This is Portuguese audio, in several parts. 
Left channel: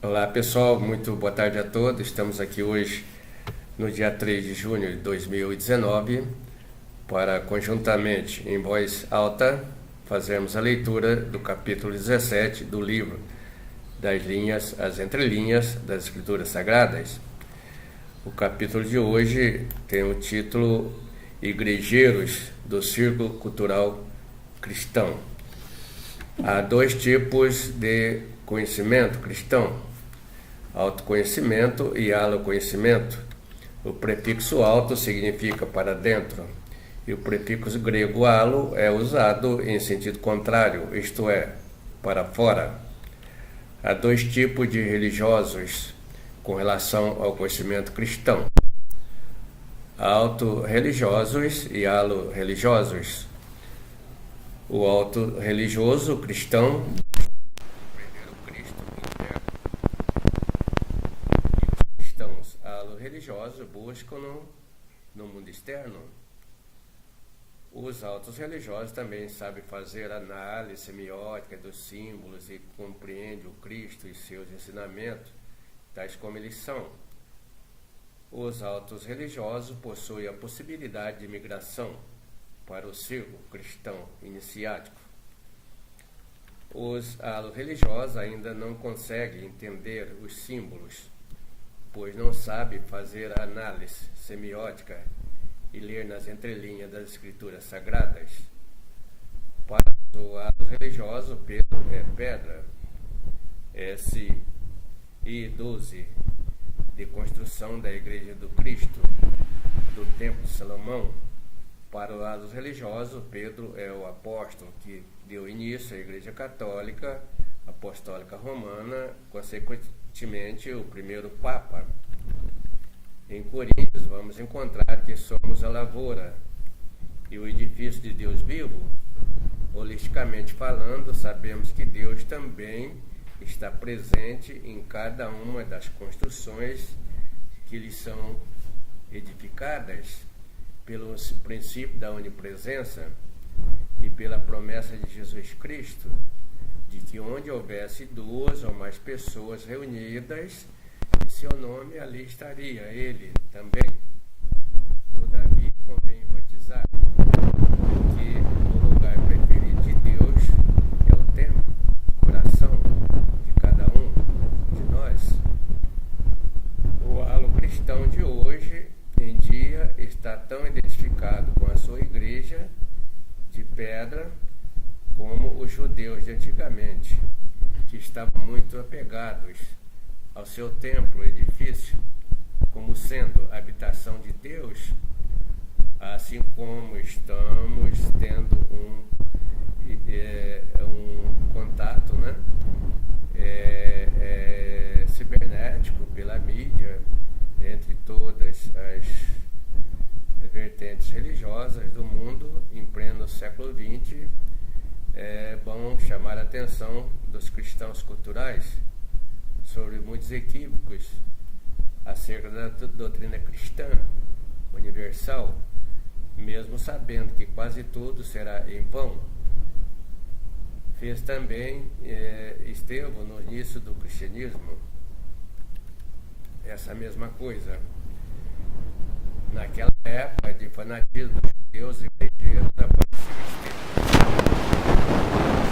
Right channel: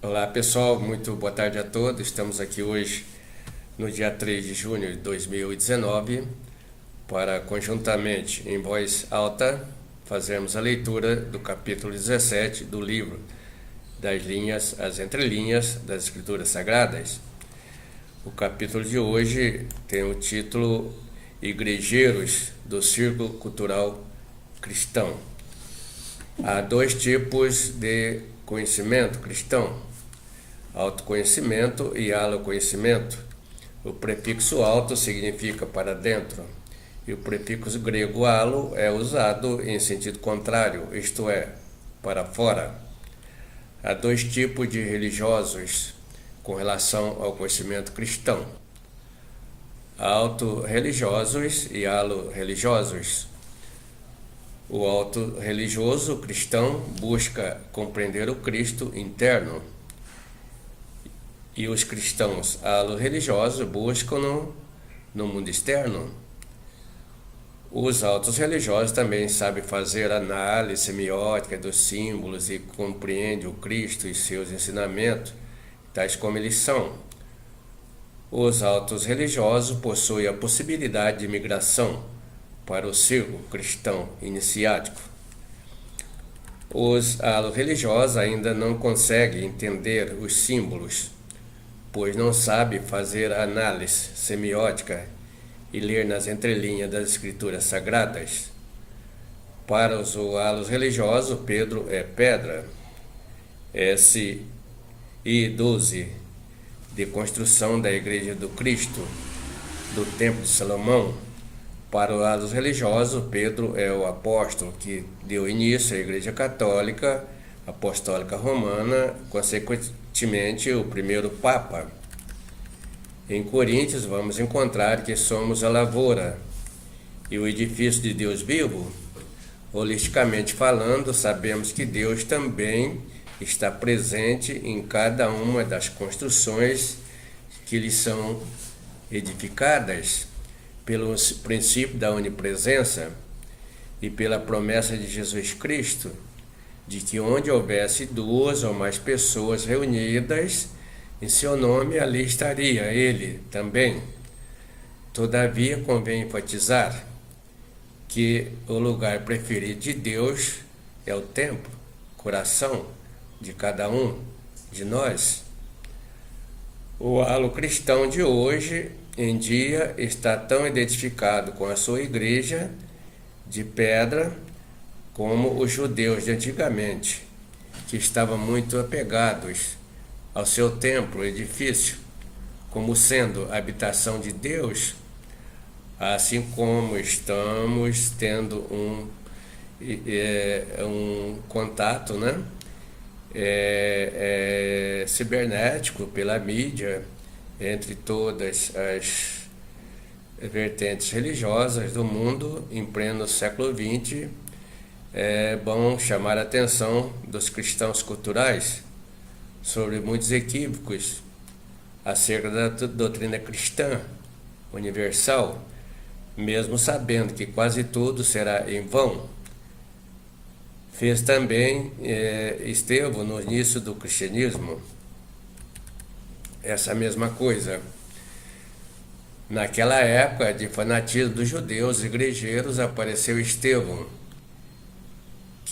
Olá pessoal, muito boa tarde a todos. Estamos aqui hoje no dia 3 de junho de 2019 para conjuntamente em voz alta fazermos a leitura do capítulo 17 do livro das linhas, as entrelinhas das Escrituras Sagradas. O capítulo de hoje tem o título Igrejeiros do Círculo Cultural Cristão. Há dois tipos de conhecimento cristão: autoconhecimento e aloconhecimento. O prefixo auto significa para dentro, e o prefixo grego alo é usado em sentido contrário, isto é, para fora. Há dois tipos de religiosos com relação ao conhecimento cristão: auto-religiosos e alo-religiosos. O auto-religioso cristão busca compreender o Cristo interno, e os cristãos alo-religiosos buscam no mundo externo. Os autos religiosos também sabem fazer análise semiótica dos símbolos e compreendem o Cristo e seus ensinamentos, tais como eles são. Os autos religiosos possuem a possibilidade de migração para o círculo cristão iniciático. Os alo-religiosos ainda não conseguem entender os símbolos, pois não sabem fazer análise semiótica e ler nas entrelinhas das Escrituras Sagradas. Para os alos religiosos, Pedro é pedra. SI 12 de construção da Igreja do Cristo, do Templo de Salomão. Para os alos religiosos, Pedro é o apóstolo que deu início à Igreja Católica Apostólica Romana, consequentemente o primeiro Papa. Em Coríntios vamos encontrar que somos a lavoura e o edifício de Deus vivo. Holisticamente falando, sabemos que Deus também está presente em cada uma das construções que lhe são edificadas, pelo princípio da onipresença e pela promessa de Jesus Cristo, de que onde houvesse duas ou mais pessoas reunidas em seu nome, ali estaria ele também. Todavia, convém enfatizar que o lugar preferido de Deus é o templo, coração de cada um de nós. O halo cristão de hoje em dia está tão identificado com a sua igreja de pedra como os judeus de antigamente, que estavam muito apegados ao seu templo, edifício, como sendo a habitação de Deus, assim como estamos tendo um contato, cibernético pela mídia, entre todas as vertentes religiosas do mundo em pleno século XX. É bom chamar a atenção dos cristãos culturais sobre muitos equívocos acerca da doutrina cristã universal, mesmo sabendo que quase tudo será em vão. Fez também Estevão no início do cristianismo essa mesma coisa. Naquela época de fanatismo dos judeus igrejeiros, apareceu Estevão,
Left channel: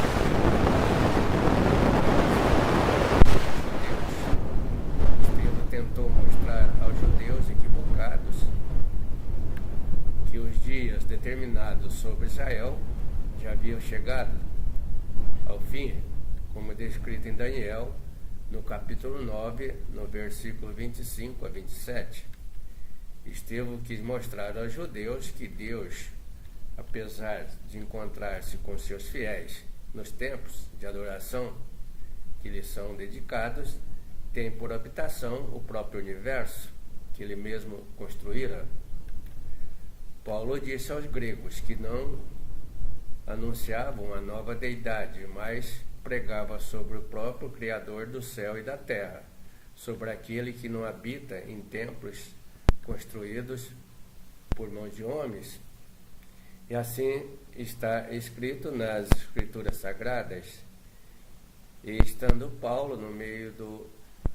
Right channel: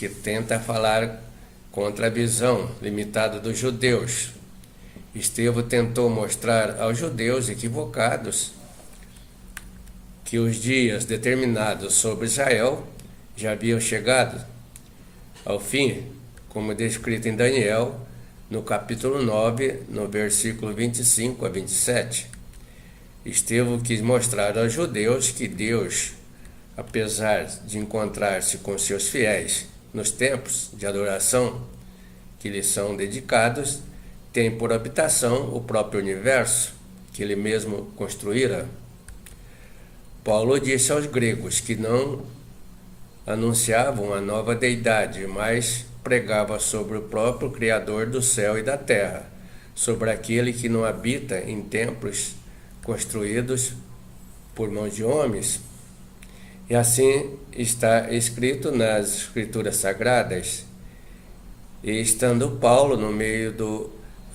que tenta falar contra a visão limitada dos judeus. Estevão tentou mostrar aos judeus equivocados que os dias determinados sobre Israel já haviam chegado ao fim, como descrito em Daniel, no capítulo 9, no versículo 25 a 27. Estevão quis mostrar aos judeus que Deus, apesar de encontrar-se com seus fiéis nos templos de adoração que lhes são dedicados, tem por habitação o próprio universo que ele mesmo construíra. Paulo disse aos gregos que não anunciavam a nova deidade, mas pregava sobre o próprio Criador do céu e da terra, sobre aquele que não habita em templos construídos por mãos de homens. E assim está escrito nas Escrituras Sagradas. E estando Paulo no meio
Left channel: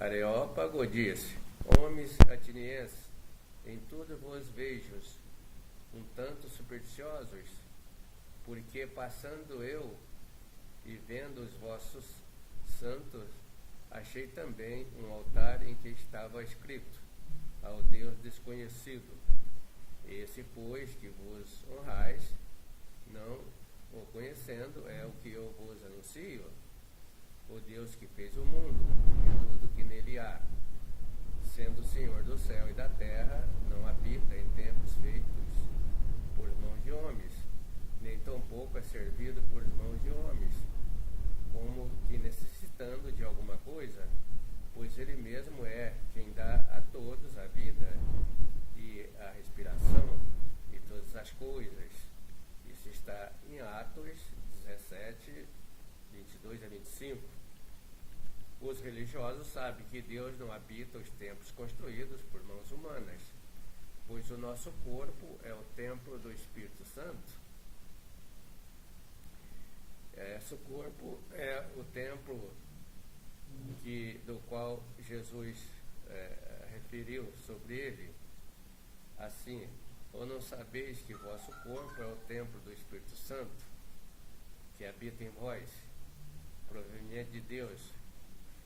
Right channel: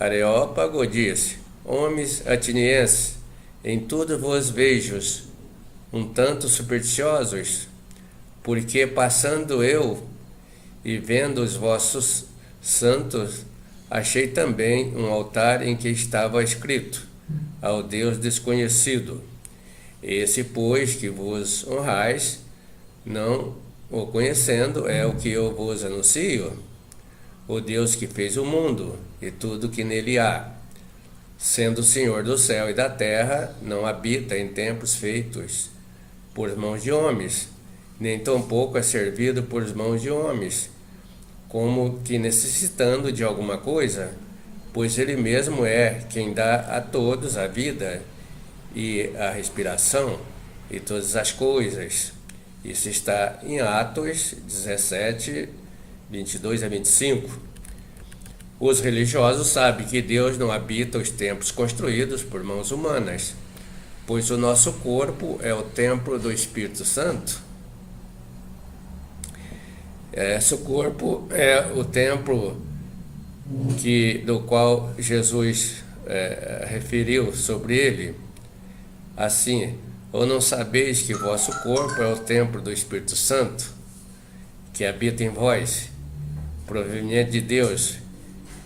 Areópago disse: Homens atenienses, em tudo vos vejo um tanto supersticiosos, porque passando eu e vendo os vossos santos, achei também um altar em que estava escrito: ao Deus desconhecido. Esse, pois, que vos honrais, não o conhecendo, é o que eu vos anuncio: o Deus que fez o mundo e tudo que nele há, sendo o Senhor do céu e da terra, não habita em templos feitos por mãos de homens, nem tampouco é servido por mãos de homens, como que necessitando de alguma coisa, pois ele mesmo é quem dá a todos a vida e a respiração e todas as coisas. Isso está em Atos 17, 22 a 25. Os religiosos sabem que Deus não habita os templos construídos por mãos humanas, pois o nosso corpo é o templo do Espírito Santo. Esse corpo é o templo do qual Jesus referiu sobre ele, assim: ou não sabeis que vosso corpo é o templo do Espírito Santo, que habita em vós, proveniente de Deus,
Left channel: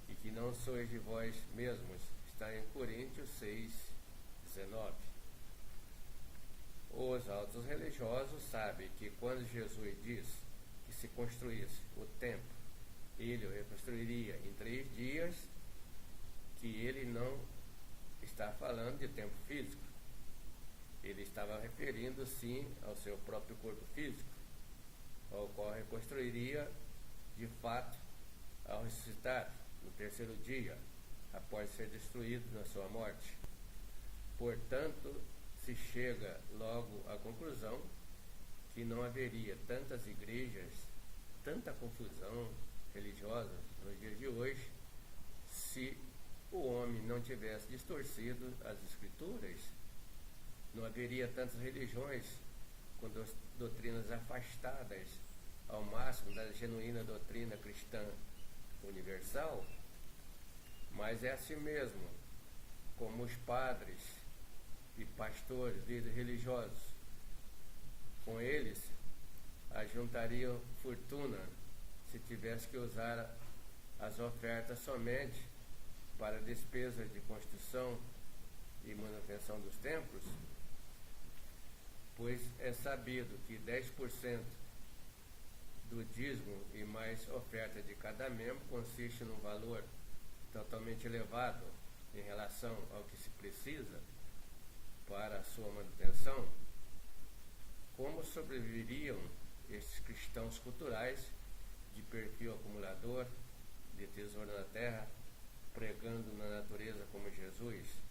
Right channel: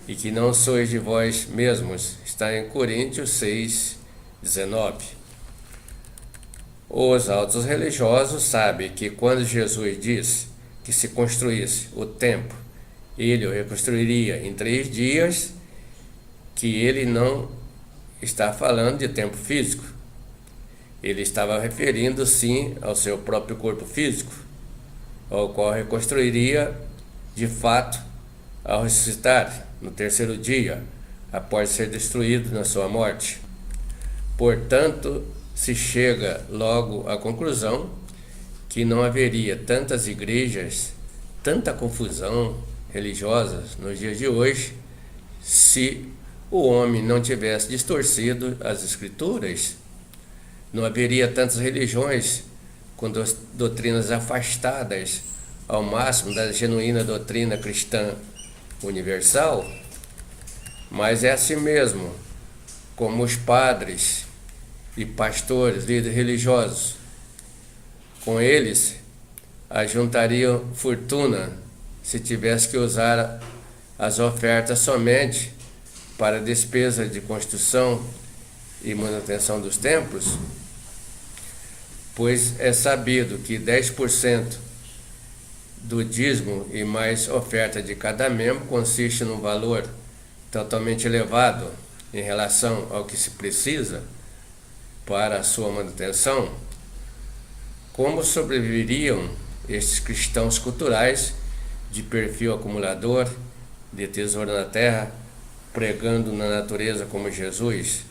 e que não sois de vós mesmos? Está em Coríntios 6, 19. Os altos religiosos sabem que quando Jesus disse que se construísse o templo, ele o reconstruiria em 3 dias, que ele não está falando de tempo físico. Ele estava referindo sim ao seu próprio corpo físico, ao qual reconstruiria de fato ao ressuscitar no 3º dia, após ser destruído na sua morte. Portanto, se chega logo à conclusão que não haveria tantas igrejas, tanta confusão religiosa nos dias de hoje, se o homem não tivesse distorcido as escrituras. Não haveria tantas religiões com doutrinas afastadas ao máximo da genuína doutrina cristã universal. Mas é assim mesmo como os padres e pastores, líderes religiosos, com eles ajuntariam fortuna se tivesse que usar as ofertas somente para despesa de construção e manutenção dos templos, pois é sabido que 10% do dízimo e mais oferta de cada membro consiste num valor totalmente elevado em relação ao que se precisa para a sua manutenção. Como sobreviveriam estes cristãos culturais de perfil acumulador de tesouro na terra, pregando na natureza como Jesus,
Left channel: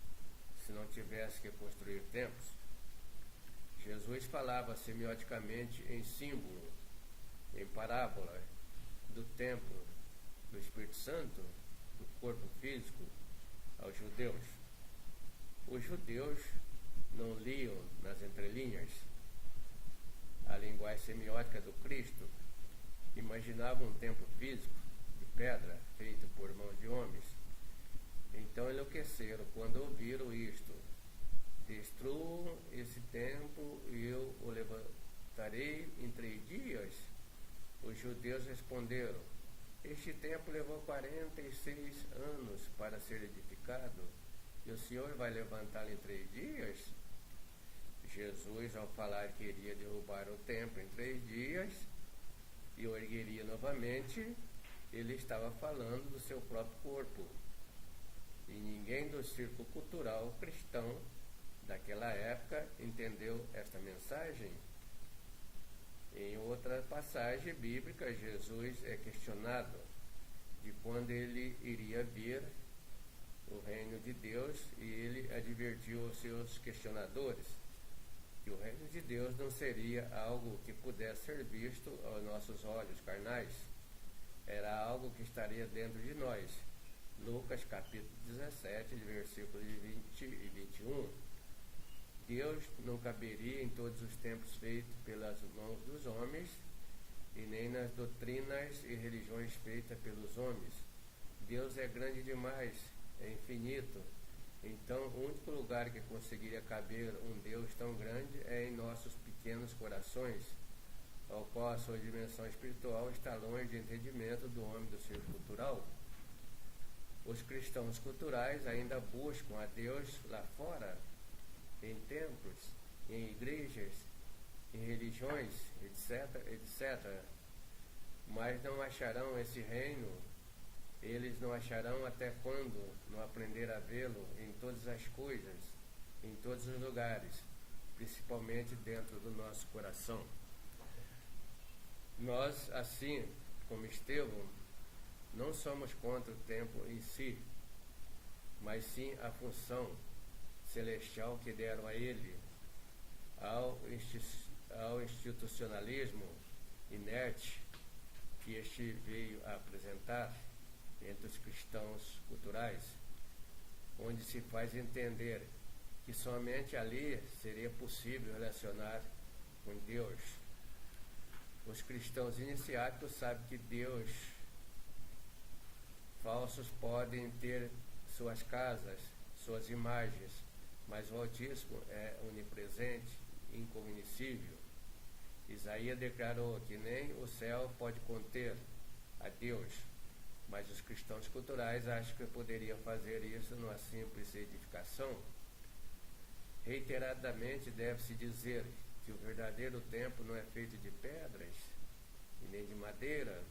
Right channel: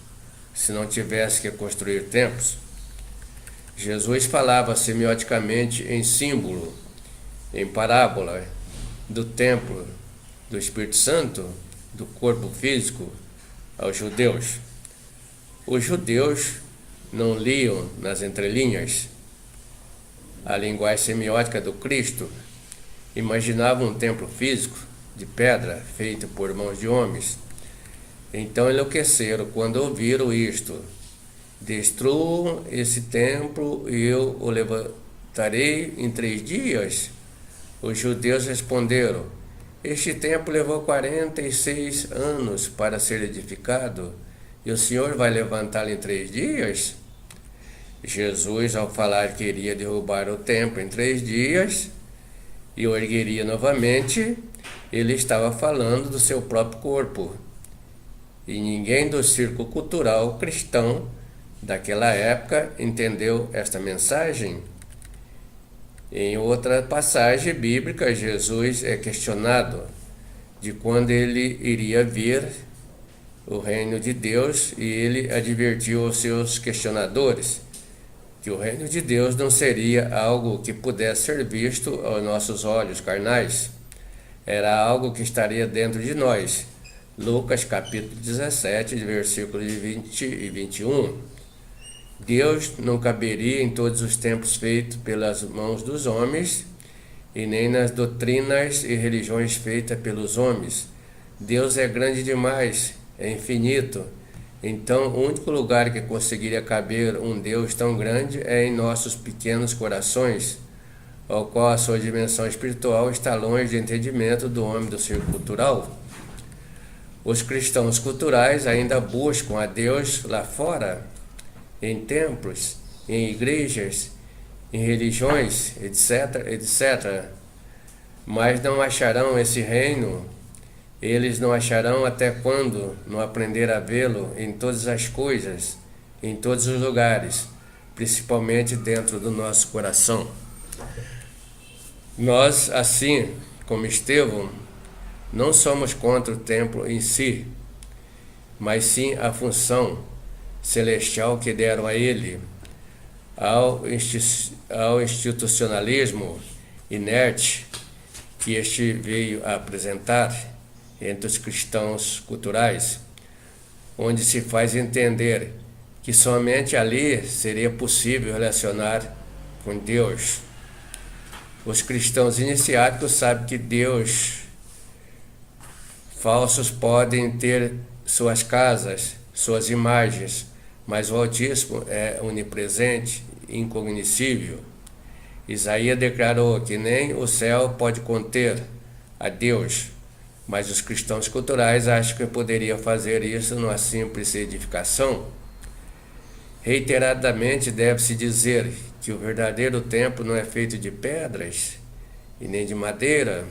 se não tivesse que construir templos? Jesus falava semioticamente em símbolo, em parábola, do templo do Espírito Santo, do corpo físico, aos judeus. Os judeus não liam nas entrelinhas a linguagem semiótica do Cristo, imaginavam um templo físico de pedra feito por mãos de homens. Então enlouqueceram quando ouviram isto: destruam esse templo e eu o levantarei em 3 dias. Os judeus responderam: este templo levou 46 anos para ser edificado, e o Senhor vai levantá-lo em 3 dias? Jesus, ao falar que iria derrubar o templo em 3 dias e o ergueria novamente, ele estava falando do seu próprio corpo. E ninguém do círculo cultural cristão daquela época entendeu esta mensagem. Em outra passagem bíblica, Jesus é questionado de quando ele iria vir o reino de Deus, e ele advertiu aos seus questionadores que o reino de Deus não seria algo que pudesse ser visto aos nossos olhos carnais. Era algo que estaria dentro de nós. Lucas capítulo 17, versículos 20 e 21. Deus não caberia em todos os templos feitos pelas mãos dos homens, e nem nas doutrinas e religiões feitas pelos homens. Deus é grande demais é infinito. Então, o único lugar que conseguiria caber um Deus tão grande é em nossos pequenos corações, ao qual a sua dimensão espiritual está longe de entendimento do homem do círculo cultural. Os cristãos culturais ainda buscam a Deus lá fora, em templos, em igrejas, em religiões, etc., etc. Mas não acharão esse reino. Eles não acharão até quando não aprender a vê-lo em todas as coisas, em todos os lugares, principalmente dentro do nosso coração. Nós, assim como Estevão, não somos contra o templo em si, mas sim a função celestial que deram a ele, ao institucionalismo inerte que este veio a apresentar entre os cristãos culturais, onde se faz entender que somente ali seria possível relacionar com Deus. Os cristãos iniciáticos sabem que Deus falsos podem ter suas casas, suas imagens, mas o Altíssimo é onipresente, incognoscível. Isaías declarou que nem o céu pode conter a Deus, mas os cristãos culturais acham que poderiam fazer isso numa simples edificação. Reiteradamente deve-se dizer que o verdadeiro templo não é feito de pedras e nem de madeira,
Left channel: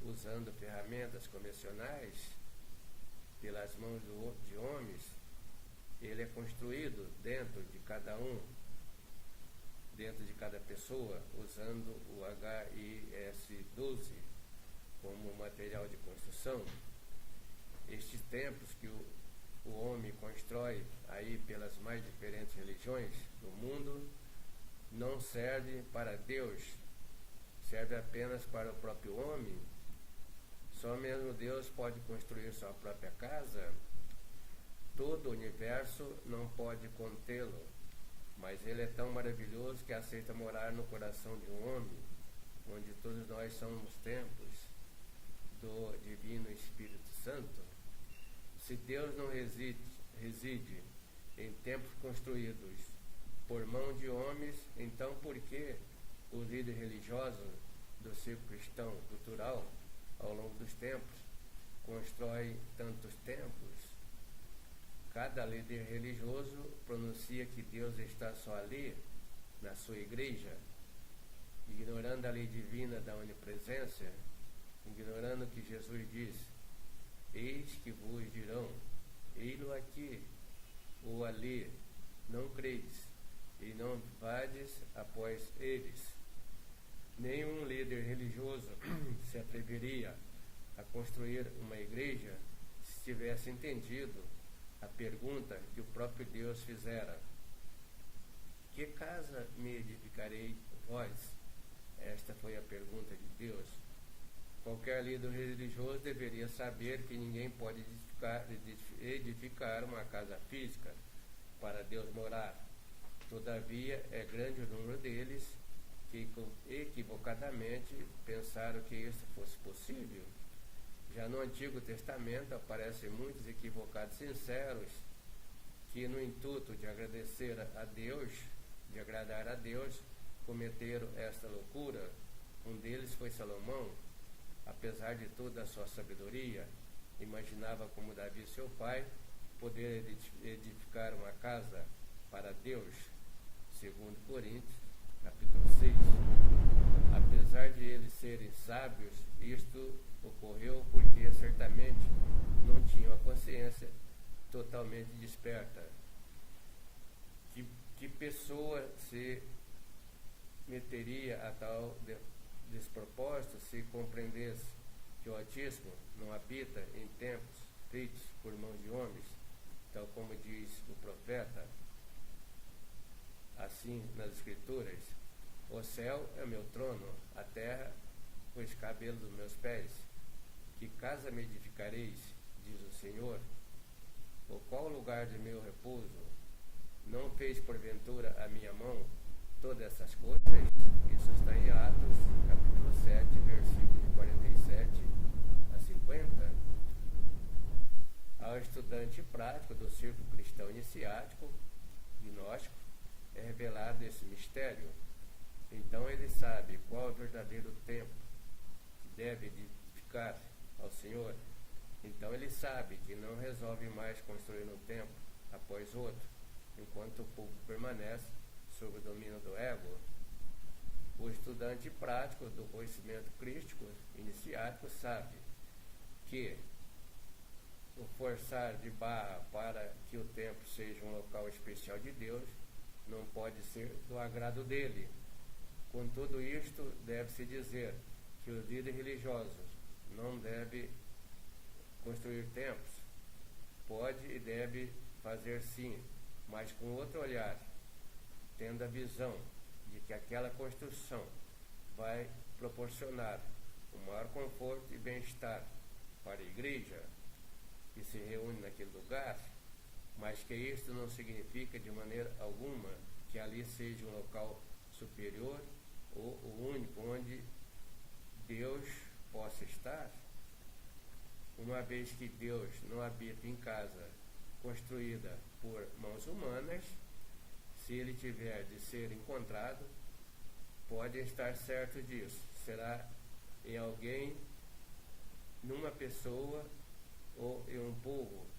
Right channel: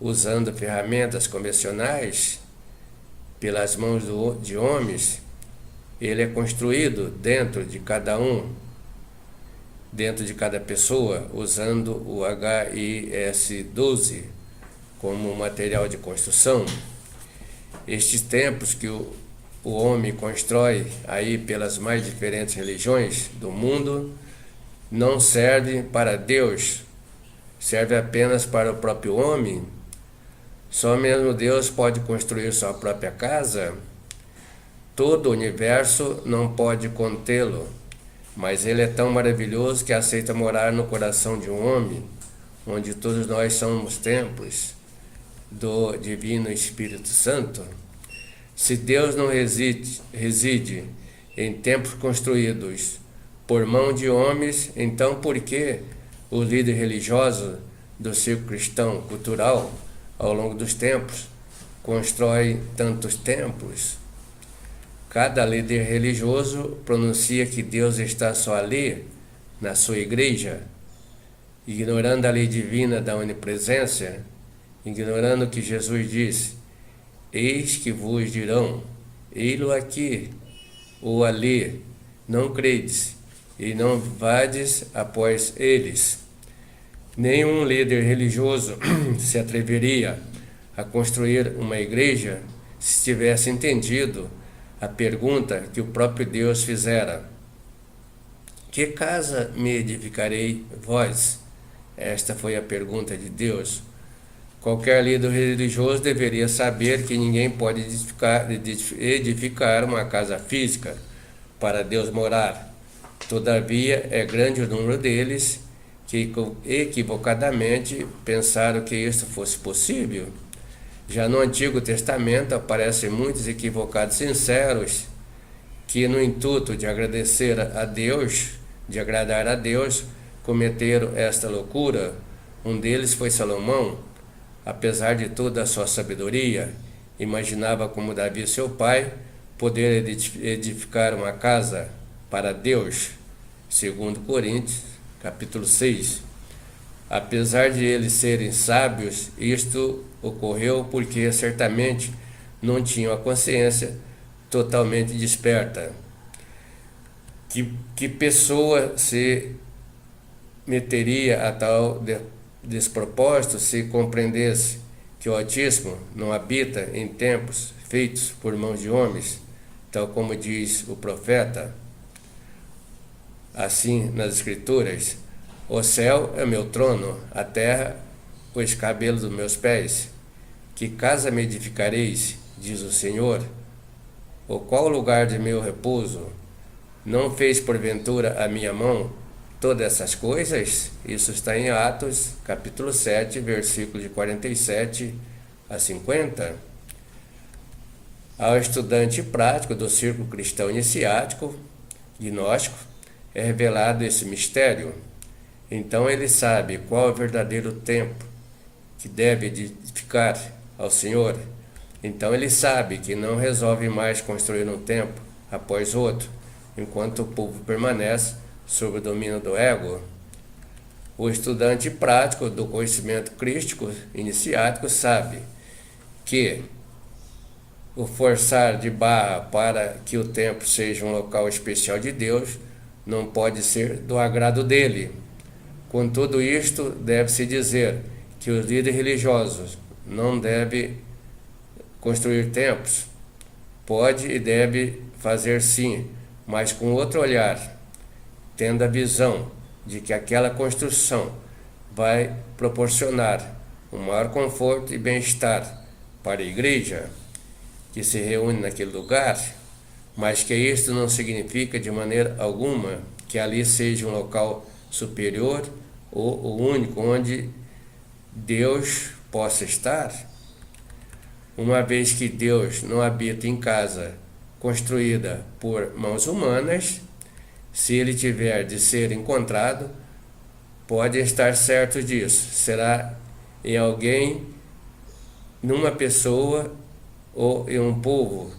usando ferramentas convencionais pelas mãos de homens. Ele é construído dentro de cada um, dentro de cada pessoa, usando o HIS-12 como material de construção. Estes templos que o homem constrói aí pelas mais diferentes religiões do mundo não servem para Deus, serve apenas para o próprio homem. Só mesmo Deus pode construir sua própria casa. Todo o universo não pode contê-lo, mas ele é tão maravilhoso que aceita morar no coração de um homem, onde todos nós somos templos do Divino Espírito Santo. Se Deus não reside em templos construídos por mão de homens, então por que o líder religioso do círculo cristão cultural, ao longo dos tempos, constrói tantos templos? Cada líder religioso pronuncia que Deus está só ali, na sua igreja, ignorando a lei divina da onipresença, ignorando o que Jesus disse: eis que vos dirão, ei-lo aqui ou ali, não credes, e não vades após eles. Nenhum líder religioso se atreveria a construir uma igreja se tivesse entendido a pergunta que o próprio Deus fizera: que casa me edificarei vós? Esta foi a pergunta de Deus. Qualquer líder religioso deveria saber que ninguém pode edificar uma casa física para Deus morar. Todavia, é grande o número deles que equivocadamente pensaram que isso fosse possível. Já no Antigo Testamento aparecem muitos equivocados sinceros que, no intuito de agradecer a Deus, de agradar a Deus, cometeram esta loucura. Um deles foi Salomão. Apesar de toda a sua sabedoria, imaginava, como Davi, seu pai, poder edificar uma casa para Deus, segundo Coríntios, capítulo 6. Apesar de eles serem sábios, isto ocorreu porque certamente não tinham a consciência totalmente desperta. Que pessoa se meteria a tal despropósito se compreendesse que o Altíssimo não habita em templos feitos por mãos de homens, tal como diz o profeta? Assim, nas Escrituras: o céu é meu trono, a terra o escabelo dos meus pés. Que casa me edificareis, diz o Senhor? Ou qual lugar de meu repouso? Não fez porventura a minha mão todas essas coisas? Isso está em Atos, capítulo 7, versículos de 47 a 50. Ao estudante prático do círculo cristão iniciático, gnóstico, é revelado esse mistério. Então ele sabe qual é o verdadeiro tempo que deve edificar ao Senhor. Então ele sabe que não resolve mais construir um templo após outro, enquanto o povo permanece sob o domínio do ego. O estudante prático do conhecimento crístico iniciático sabe que o forçar de barra para que o templo seja um local especial de Deus não pode ser do agrado dele. Com tudo isto, deve-se dizer que os líderes religiosos não devem construir templos. Pode e deve fazer sim, mas com outro olhar, tendo a visão de que aquela construção vai proporcionar um maior conforto e bem-estar para a igreja que se reúne naquele lugar, mas que isto não significa de maneira alguma que ali seja um local superior ou o único onde Deus possa estar, uma vez que Deus não habita em casa construída por mãos humanas. Se ele tiver de ser encontrado, pode estar certo disso, será em alguém, numa pessoa ou em um povo.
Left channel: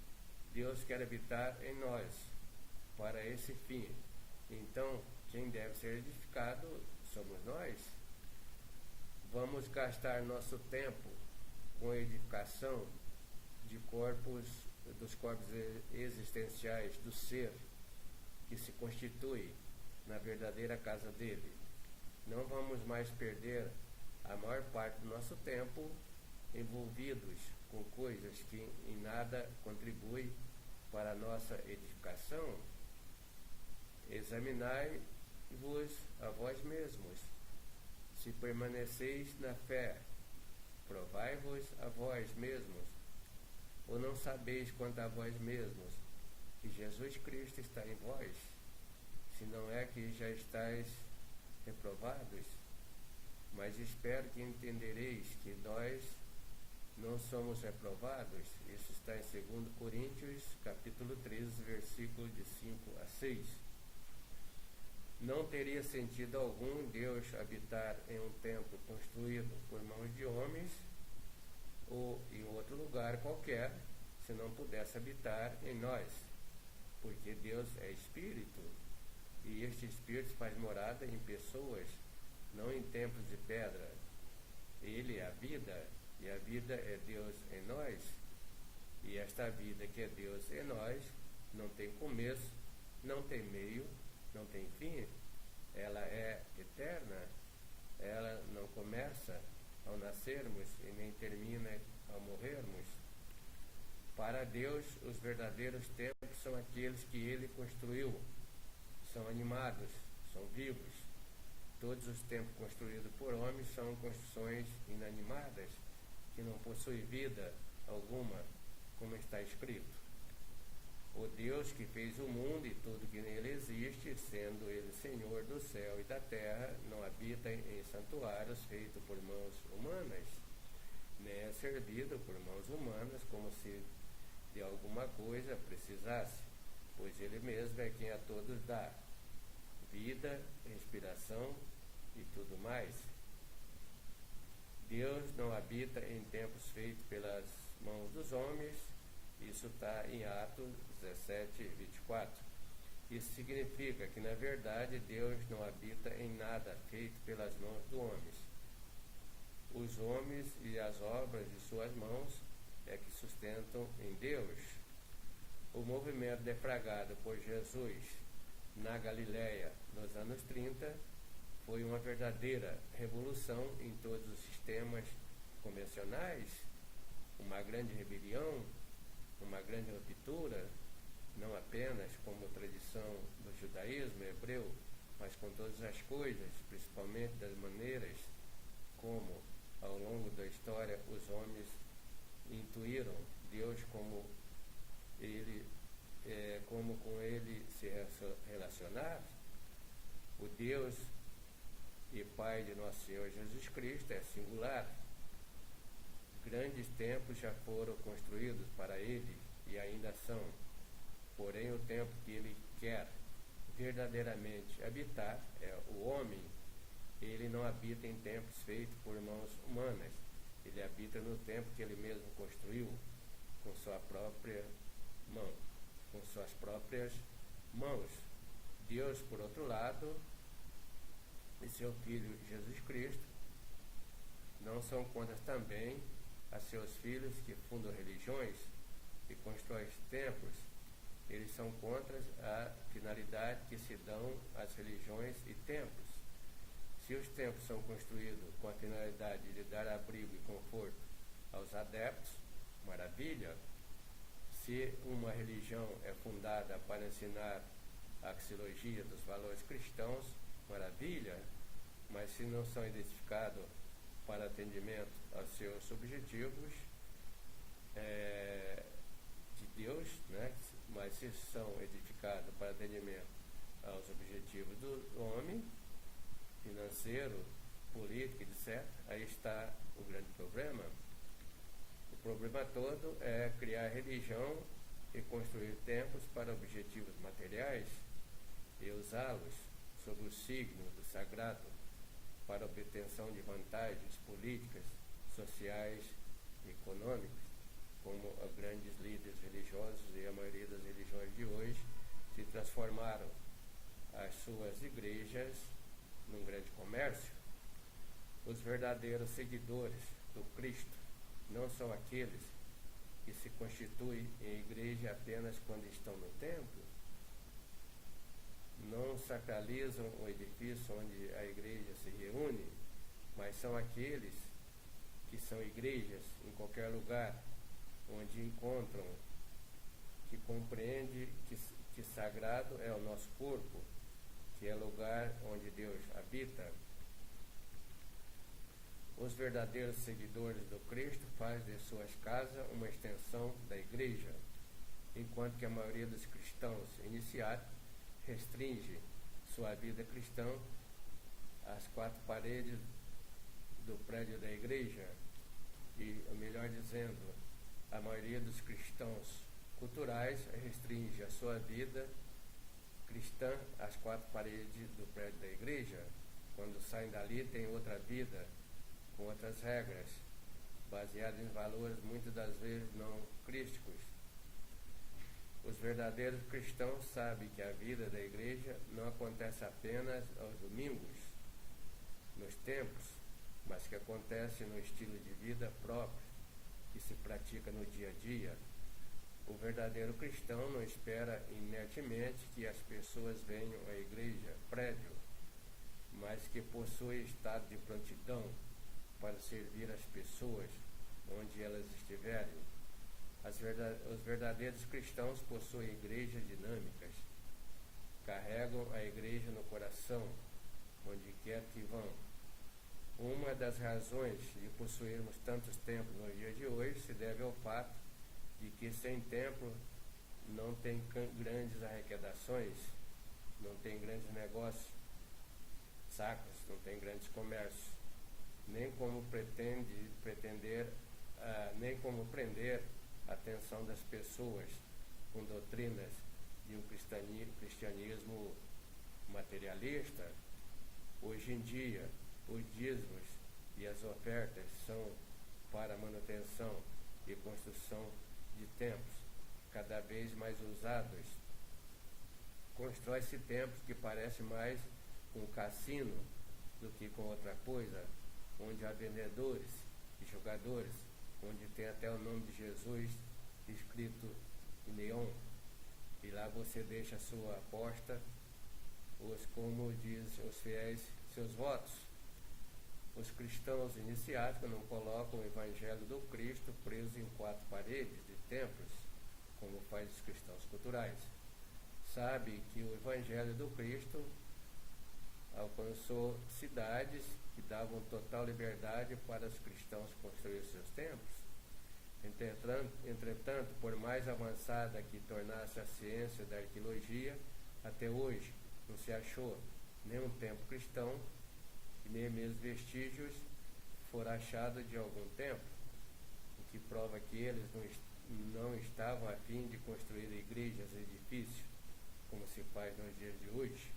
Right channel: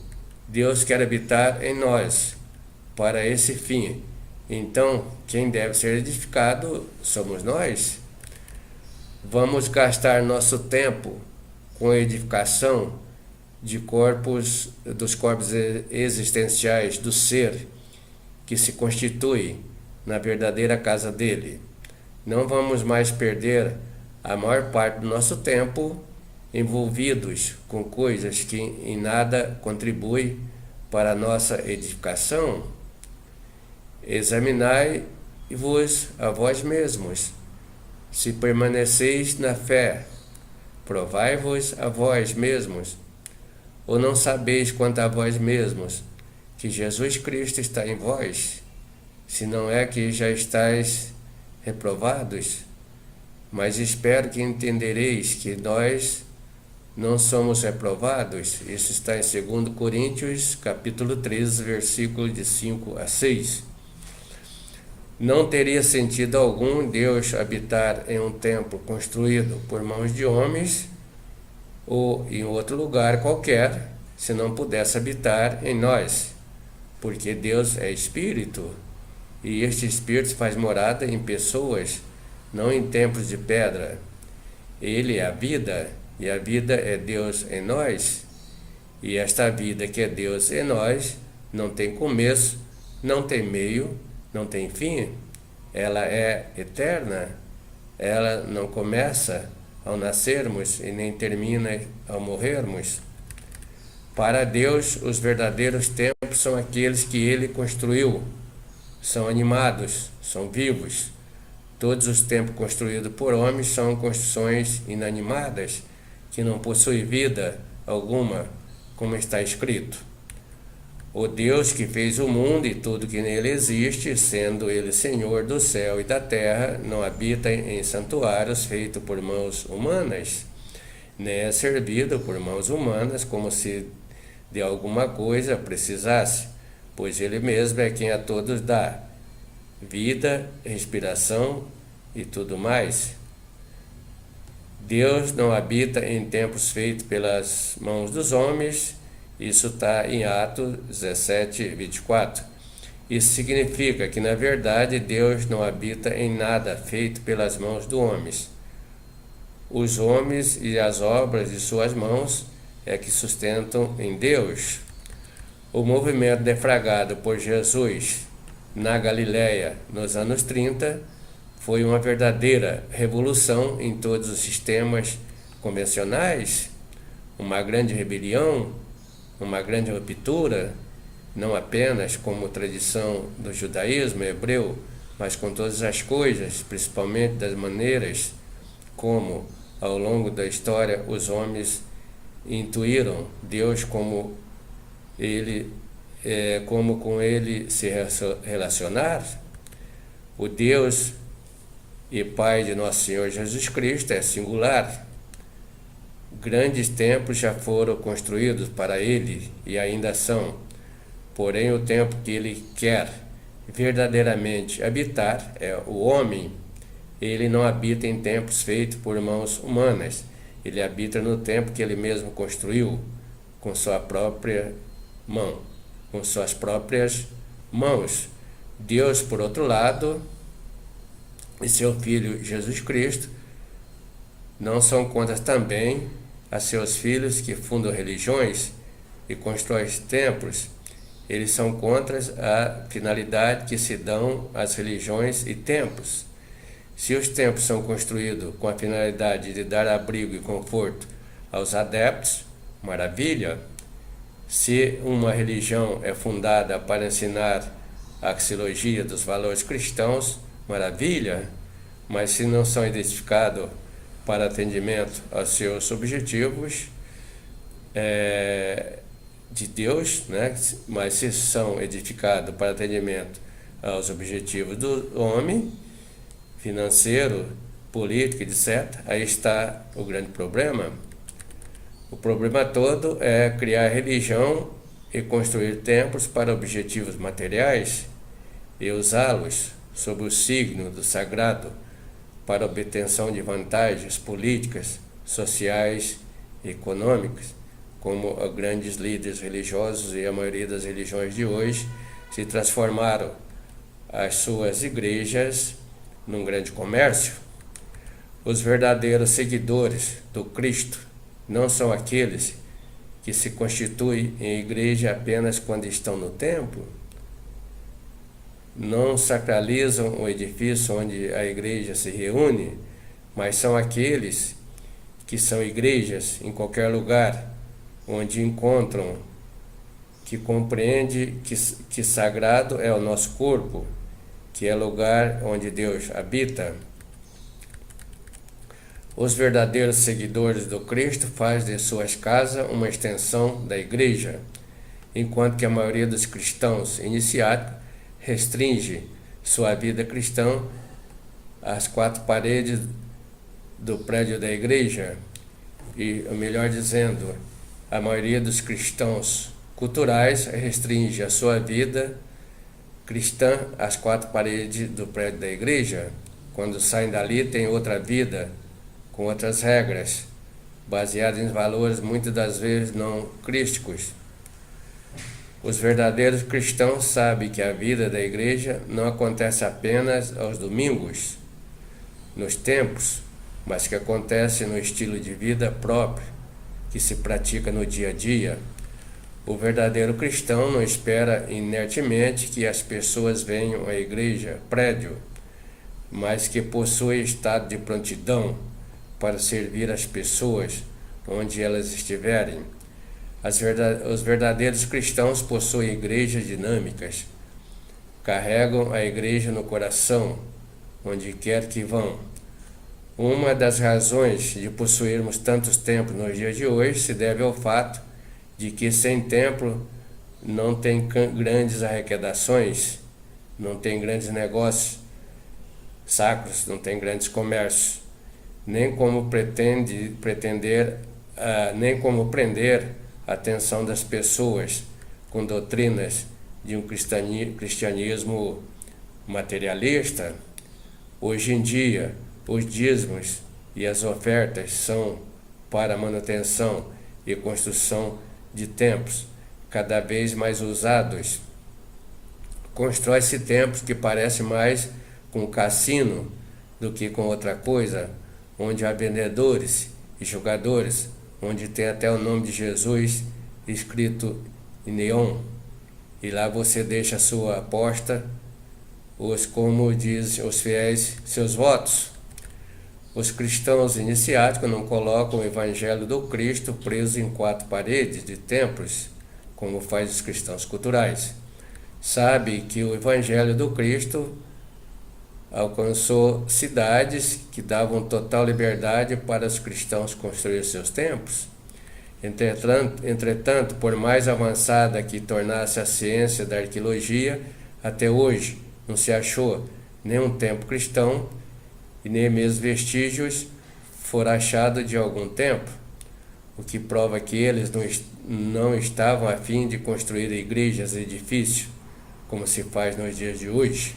Deus quer habitar em nós para esse fim. Então, quem deve ser edificado somos nós. Vamos gastar nosso tempo com a edificação dos corpos existenciais do ser que se constitui na verdadeira casa dele. Não vamos mais perder a maior parte do nosso tempo envolvidos com coisas que em nada contribuem para a nossa edificação. Examinai-vos a vós mesmos, se permaneceis na fé. Provai-vos a vós mesmos, ou não sabeis quanto a vós mesmos que Jesus Cristo está em vós, se não é que já estáis reprovados? Mas espero que entendereis que nós não somos reprovados. Isso está em 2 Coríntios, capítulo 13, versículo de 5 a 6. Não teria sentido algum Deus habitar em um templo construído por mãos de homens ou em outro lugar qualquer, se não pudesse habitar em nós, porque Deus é Espírito, e este Espírito faz morada em pessoas, não em templos de pedra. Ele é a vida, e a vida é Deus em nós, e esta vida que é Deus em nós não tem começo, não tem meio, não tem fim. Ela é eterna, ela não começa ao nascermos e nem termina ao morrermos. Para Deus, os verdadeiros templos são aqueles que Ele construiu, são animados, são vivos. Todos os templos construídos por homens são construções inanimadas, que não possuem vida alguma, como está escrito. O Deus que fez o mundo e tudo que nele existe, sendo Ele Senhor do céu e da terra, não habita em santuários feitos por mãos humanas, nem é servido por mãos humanas como se de alguma coisa precisasse, pois Ele mesmo é quem a todos dá vida, respiração e tudo mais. Deus não habita em templos feitos pelas mãos dos homens. Isso está em Atos 17, 24. Isso significa que, na verdade, Deus não habita em nada feito pelas mãos dos homens. Os homens e as obras de suas mãos é que sustentam em Deus. O movimento deflagrado por Jesus na Galileia nos anos 30 foi uma verdadeira revolução em todos os sistemas convencionais, uma grande rebelião, uma grande ruptura, não apenas como tradição do judaísmo hebreu, mas com todas as coisas, principalmente das maneiras como, ao longo da história, os homens intuíram Deus como com Ele se relacionar. O Deus e Pai de Nosso Senhor Jesus Cristo é singular. Grandes templos já foram construídos para ele e ainda são. Porém, o templo que ele quer verdadeiramente habitar é o homem. Ele não habita em templos feitos por mãos humanas. Ele habita no templo que ele mesmo construiu com sua própria mão, com suas próprias mãos. Deus, por outro lado, e seu Filho Jesus Cristo não são contra também a seus filhos que fundam religiões e constroem templos. Eles são contra a finalidade que se dão às religiões e templos. Se os templos são construídos com a finalidade de dar abrigo e conforto aos adeptos, maravilha. Se uma religião é fundada para ensinar a axiologia dos valores cristãos, maravilha. Mas se não são edificados para atendimento aos seus objetivos de Deus, né? Mas se são edificados para atendimento aos objetivos do homem, financeiro, político, etc., aí está o grande problema. O problema todo é criar religião e construir templos para objetivos materiais e usá-los sob o signo do sagrado para obtenção de vantagens políticas, sociais e econômicas, como grandes líderes religiosos e a maioria das religiões de hoje se transformaram as suas igrejas num grande comércio. Os verdadeiros seguidores do Cristo não são aqueles que se constituem em igreja apenas quando estão no templo, não sacralizam o edifício onde a igreja se reúne, mas são aqueles que são igrejas em qualquer lugar onde encontram, que compreende que sagrado é o nosso corpo, que é lugar onde Deus habita. Os verdadeiros seguidores do Cristo fazem de suas casas uma extensão da igreja, enquanto que a maioria dos cristãos iniciáticos restringe sua vida cristã às quatro paredes do prédio da igreja. E, melhor dizendo, a maioria dos cristãos culturais restringe a sua vida cristã às quatro paredes do prédio da igreja. Quando saem dali, tem outra vida, com outras regras, baseadas em valores muitas das vezes não crísticos. Os verdadeiros cristãos sabem que a vida da igreja não acontece apenas aos domingos, nos templos, mas que acontece no estilo de vida próprio, que se pratica no dia a dia. O verdadeiro cristão não espera inertemente que as pessoas venham à igreja, prédio, mas que possui estado de prontidão para servir as pessoas onde elas estiverem. Os verdadeiros cristãos possuem igrejas dinâmicas, carregam a igreja no coração, onde quer que vão. Uma das razões de possuirmos tantos templos nos dias de hoje se deve ao fato de que sem templo não tem grandes arrecadações, não tem grandes negócios sacros, não tem grandes comércios, nem como prender a atenção das pessoas com doutrinas de um cristianismo materialista. Hoje em dia, os dízimos e as ofertas são para a manutenção e construção de templos cada vez mais usados. Constrói-se templos que parecem mais com cassino do que com outra coisa, onde há vendedores e jogadores, onde tem até o nome de Jesus escrito em neon, e lá você deixa a sua aposta, como dizem os fiéis, seus votos. Os cristãos iniciáticos não colocam o evangelho do Cristo preso em quatro paredes de templos, como faz os cristãos culturais. Sabe que o evangelho do Cristo alcançou cidades que davam total liberdade para os cristãos construir seus templos. Entretanto, por mais avançada que tornasse a ciência da arqueologia, até hoje não se achou nenhum templo cristão e nem mesmo vestígios foram achados de algum templo. o que prova que eles não estavam a fim de construir igrejas e edifícios, como se faz nos dias de hoje.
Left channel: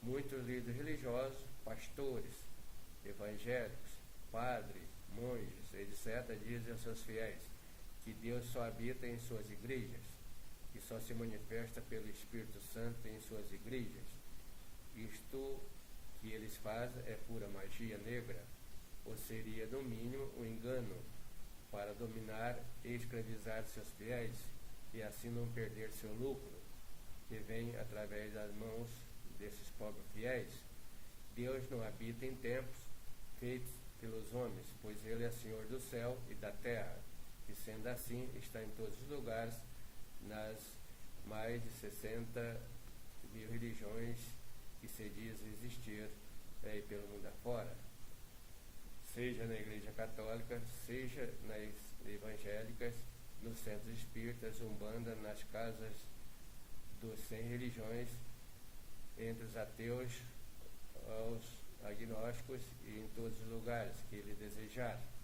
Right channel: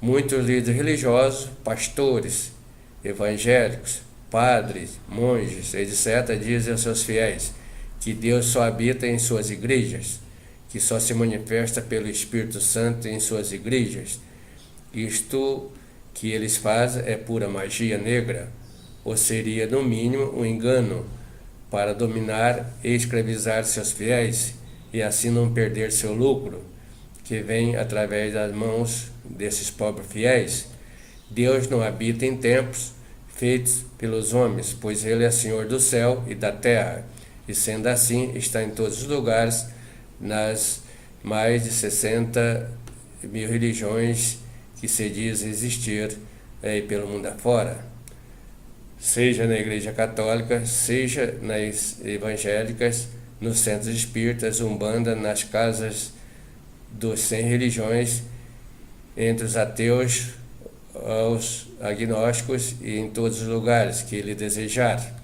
Muitos líderes religiosos, pastores, evangélicos, padres, monges, etc., dizem aos seus fiéis que Deus só habita em suas igrejas, que só se manifesta pelo Espírito Santo em suas igrejas. Isto que eles fazem é pura magia negra, ou seria, no mínimo, um engano para dominar e escravizar seus fiéis e assim não perder seu lucro, que vem através das mãos desses pobres fiéis. Deus não habita em templos feitos pelos homens, pois Ele é Senhor do céu e da terra, e sendo assim, está em todos os lugares, nas mais de 60 mil religiões que se diz existir pelo mundo afora, seja na Igreja Católica, seja nas evangélicas, nos centros espíritas, umbanda, nas casas dos 100 religiões, entre os ateus, aos agnósticos e em todos os lugares que ele desejar.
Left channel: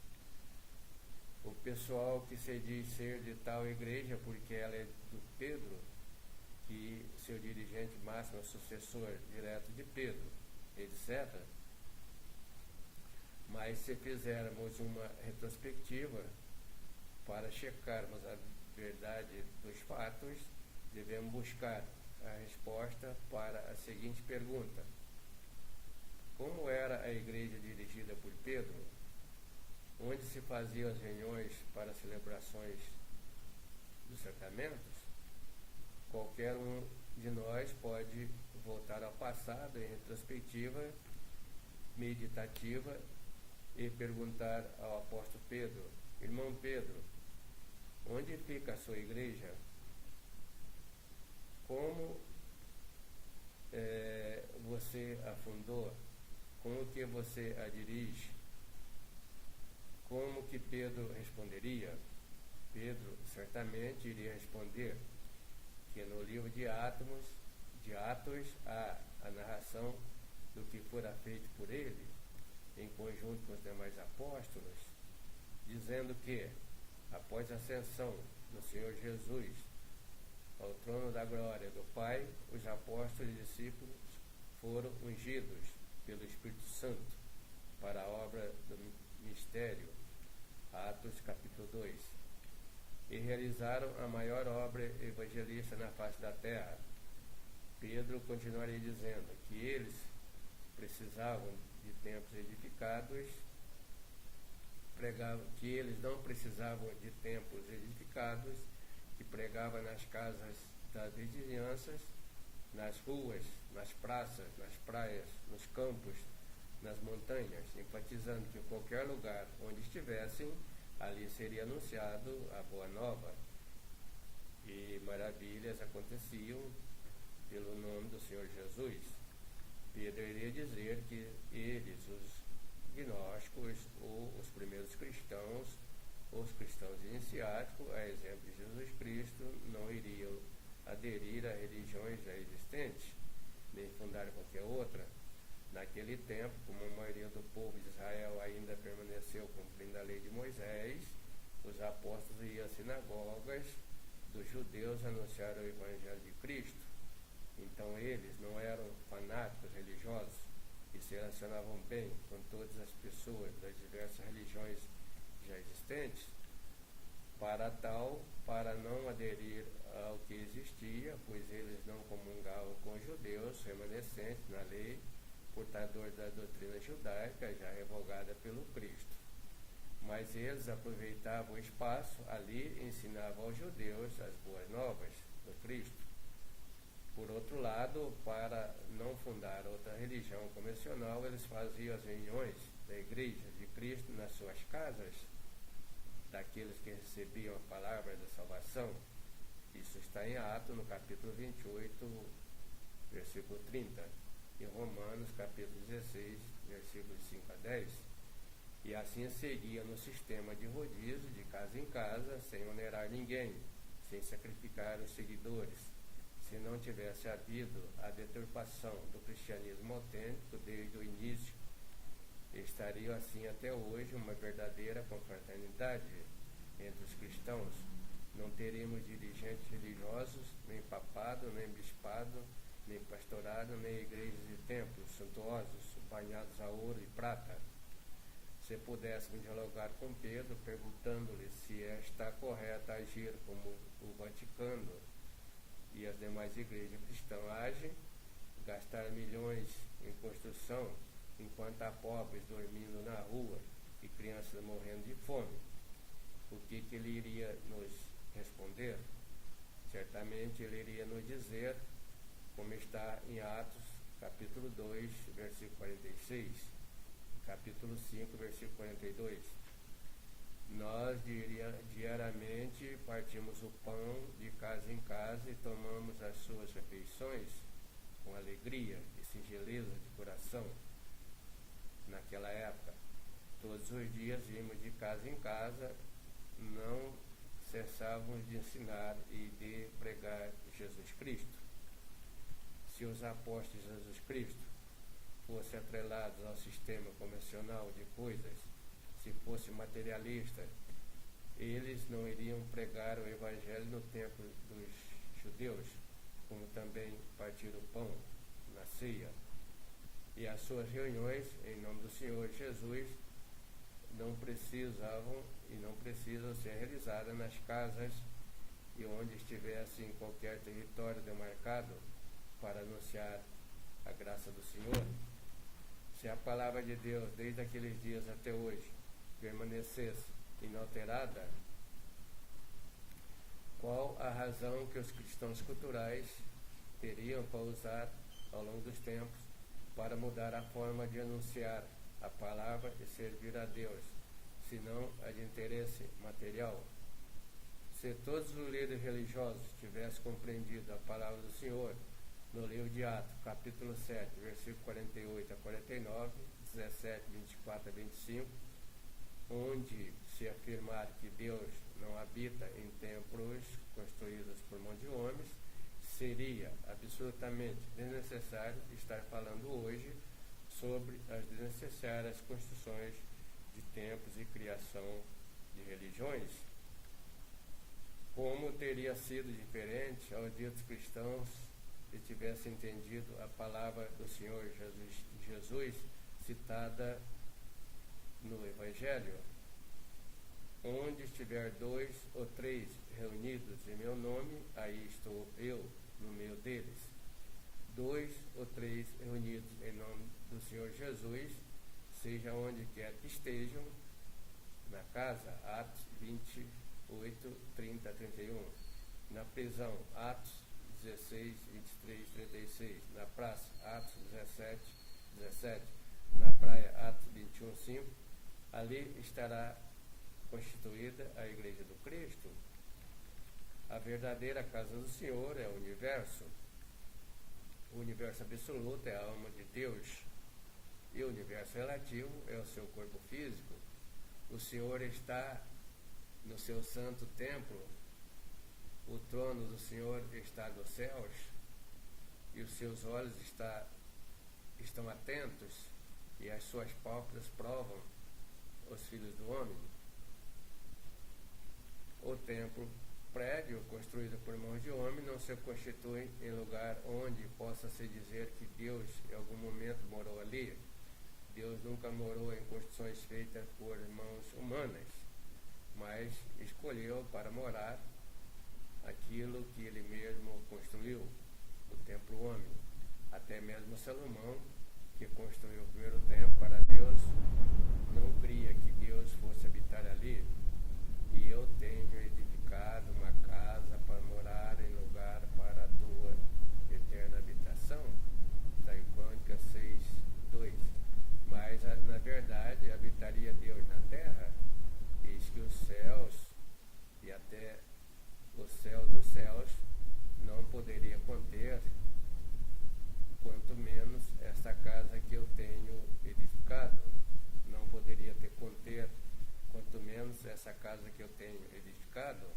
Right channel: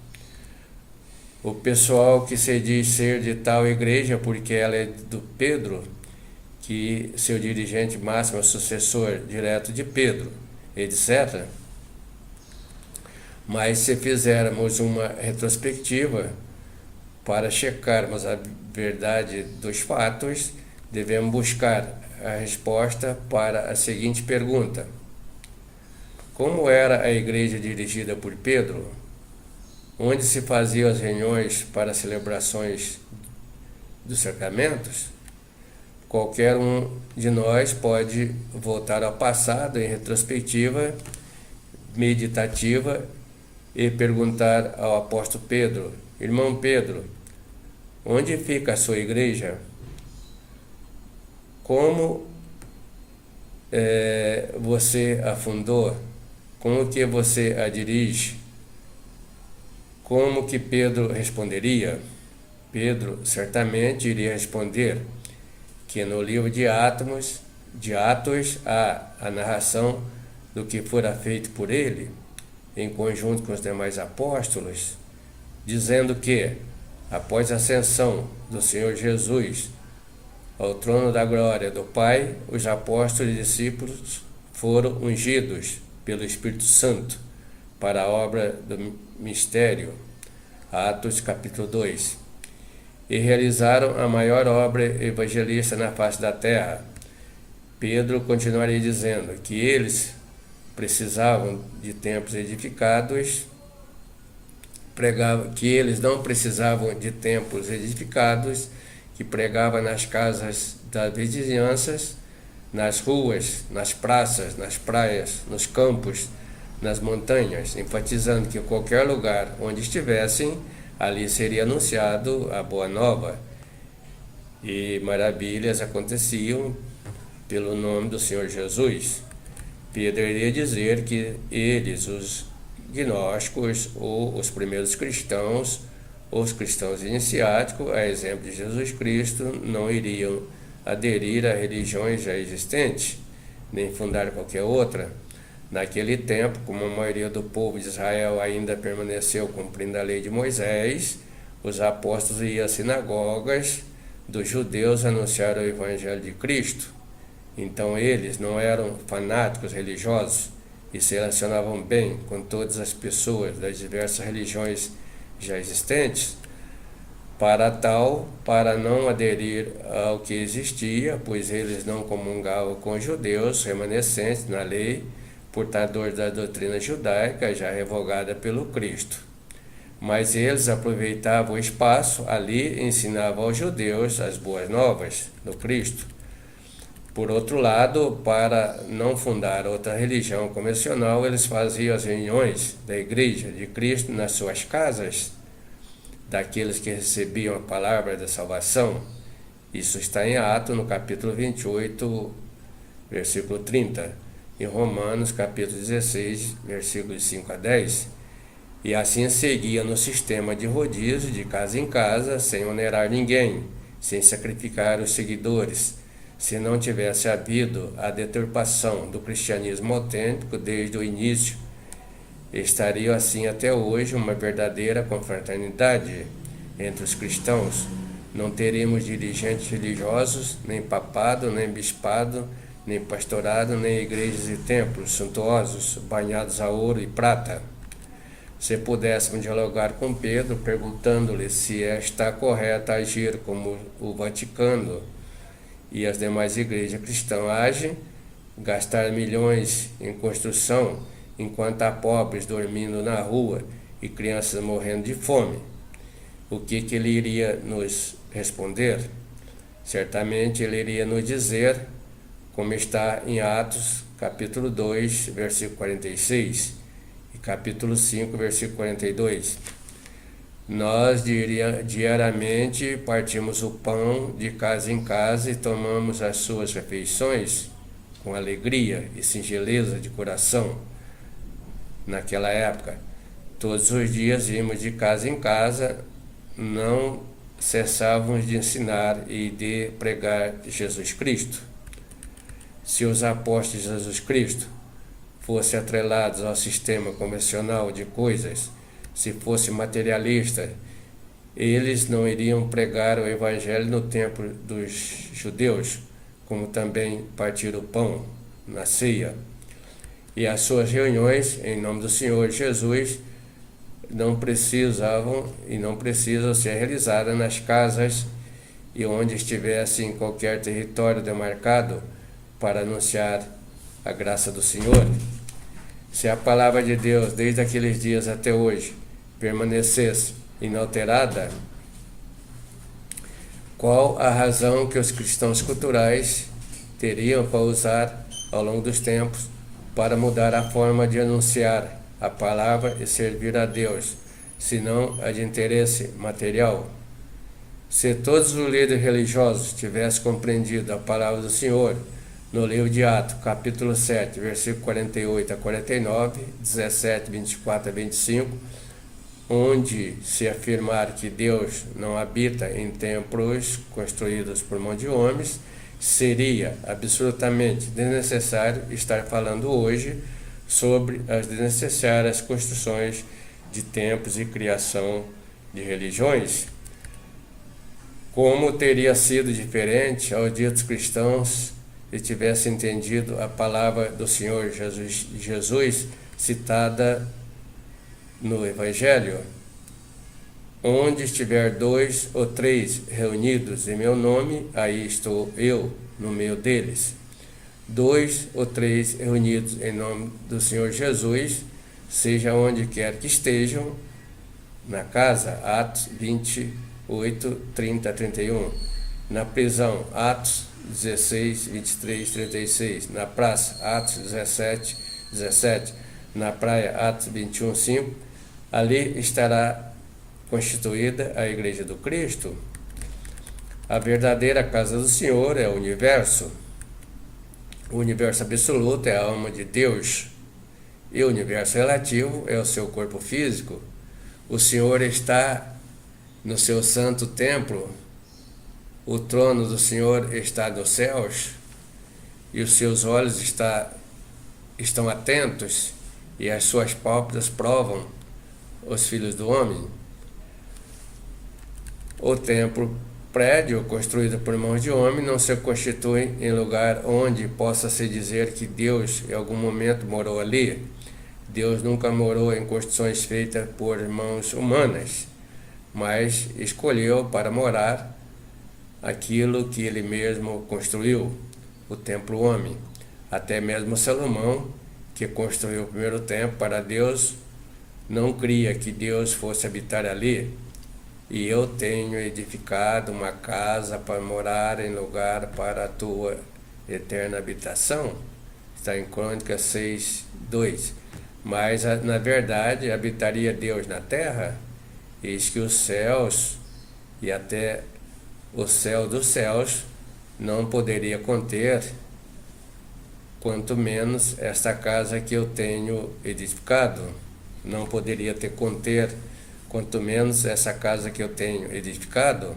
O pessoal que se diz ser de tal igreja, porque ela é do Pedro, que seu dirigente máximo é o sucessor direto de Pedro, etc. Mas se fizermos uma retrospectiva para checarmos a verdade dos fatos, devemos buscar a resposta para a seguinte pergunta: como era a igreja dirigida por Pedro? Onde se faziam as reuniões para celebrações dos sacramentos? Qualquer um de nós pode voltar ao passado em retrospectiva meditativa e perguntar ao apóstolo Pedro: irmão Pedro, onde fica a sua igreja? Como você a fundou? Como que você a dirige? Como que Pedro responderia? Pedro certamente iria responder que no livro de Atos há a narração do que fora feito por ele, em conjunto com os demais apóstolos, dizendo que, após a ascensão do Senhor Jesus ao trono da glória do Pai, os apóstolos e discípulos foram ungidos pelo Espírito Santo para a obra do mistério, Atos capítulo 2, e realizaram a maior obra evangelista na face da terra. Pedro continuaria dizendo que eles precisavam de templos edificados, pregava que eles não precisavam de templos edificados, que pregava nas casas das vizinhanças, nas ruas, nas praças, nas praias, nos campos, nas montanhas, enfatizando que em qualquer lugar onde estivessem, ali seria anunciado a boa nova. E maravilhas aconteciam pelo nome do Senhor Jesus. Pedro iria dizer que eles, os gnósticos ou os primeiros cristãos, os cristãos iniciáticos, a exemplo de Jesus Cristo, não iriam aderir a religiões já existentes, nem fundar qualquer outra. Naquele tempo, como a maioria do povo de Israel ainda permaneceu cumprindo a lei de Moisés, os apóstolos iam às sinagogas dos judeus anunciar o evangelho de Cristo. Então eles não eram fanáticos religiosos e se relacionavam bem com todas as pessoas das diversas religiões já existentes, para não aderir ao que existia, pois eles não comungavam com os judeus remanescentes na lei, portadores da doutrina judaica já revogada pelo Cristo. Mas eles aproveitavam o espaço ali e ensinavam aos judeus as boas novas do Cristo. Por outro lado, para não fundar outra religião convencional, eles faziam as reuniões da Igreja de Cristo nas suas casas, daqueles que recebiam a palavra da salvação. Isso está em Atos, no capítulo 28, versículo 30, em Romanos, capítulo 16, versículos 5 a 10. E assim seguia no sistema de rodízio, de casa em casa, sem onerar ninguém, sem sacrificar os seguidores, se não tivesse havido a deturpação do cristianismo autêntico desde o início. Estaria assim até hoje uma verdadeira confraternidade. entre os cristãos. Não teríamos dirigentes religiosos, nem papado, nem bispado, nem pastorado, nem igrejas e templos suntuosos, banhados a ouro e prata. Se pudéssemos dialogar com Pedro, perguntando-lhe se está correto agir como o Vaticano e as demais igrejas cristãs agem, gastar milhões em construção, enquanto há pobres dormindo na rua e crianças morrendo de fome, o que ele iria nos responder? Certamente ele iria nos dizer, como está em Atos, capítulo 2, versículo 46, e capítulo 5, versículo 42. Nós diariamente partimos o pão de casa em casa e tomamos as suas refeições com alegria e singeleza de coração. Naquela época, todos os dias íamos de casa em casa, não cessávamos de ensinar e de pregar Jesus Cristo. Se os apóstolos de Jesus Cristo fossem atrelados ao sistema convencional de coisas, se fosse materialista, eles não iriam pregar o evangelho no templo dos judeus, como também partir o pão na ceia. E as suas reuniões, em nome do Senhor Jesus, não precisavam e não precisam ser realizadas nas casas e onde estivesse em qualquer território demarcado para anunciar a graça do Senhor. Se a palavra de Deus, desde aqueles dias até hoje, permanecesse inalterada, qual a razão que os cristãos culturais teriam para usar ao longo dos tempos para mudar a forma de anunciar a palavra e servir a Deus, senão a de interesse material? Se todos os líderes religiosos tivessem compreendido a palavra do Senhor no livro de Atos, capítulo 7, versículo 48 a 49, 17, 24 a 25, onde se afirmar que Deus não habita em templos construídos por mão de homens, seria absolutamente desnecessário estar falando hoje sobre as desnecessárias construções de templos e criação de religiões. Como teria sido diferente aos ditos cristãos se tivessem entendido a palavra do Senhor Jesus citada no Evangelho? Onde estiver 2 ou 3 reunidos em meu nome, aí estou eu no meio deles. 2 ou 3 reunidos em nome do Senhor Jesus, seja onde quer que estejam, na casa, Atos 28, 30 a 31, na prisão, Atos 16, 23, 36, na praça, Atos 17, 17, na praia, Atos 21, 5, ali estará constituída a Igreja do Cristo. A verdadeira casa do Senhor é o universo. O universo absoluto é a alma de Deus, e o universo relativo é o seu corpo físico. O Senhor está no seu santo templo, o trono do Senhor está nos céus, e os seus olhos estão atentos, e as suas pálpebras provam os filhos do homem. O templo, prédio construído por mãos de homem, não se constitui em lugar onde possa se dizer que Deus em algum momento morou ali. Deus nunca morou em construções feitas por mãos humanas, mas escolheu para morar aquilo que ele mesmo construiu, o templo homem. Até mesmo Salomão, que construiu o primeiro templo para Deus, não cria que Deus fosse habitar ali. E eu tenho edificado uma casa para morar em lugar para a tua eterna habitação. Está em Crônicas 6, 2. Mas, na verdade, habitaria Deus na terra? Eis que os céus e até o céu dos céus não poderia conter, quanto menos esta casa que eu tenho edificado. Não poderia conter, quanto menos essa casa que eu tenho edificado.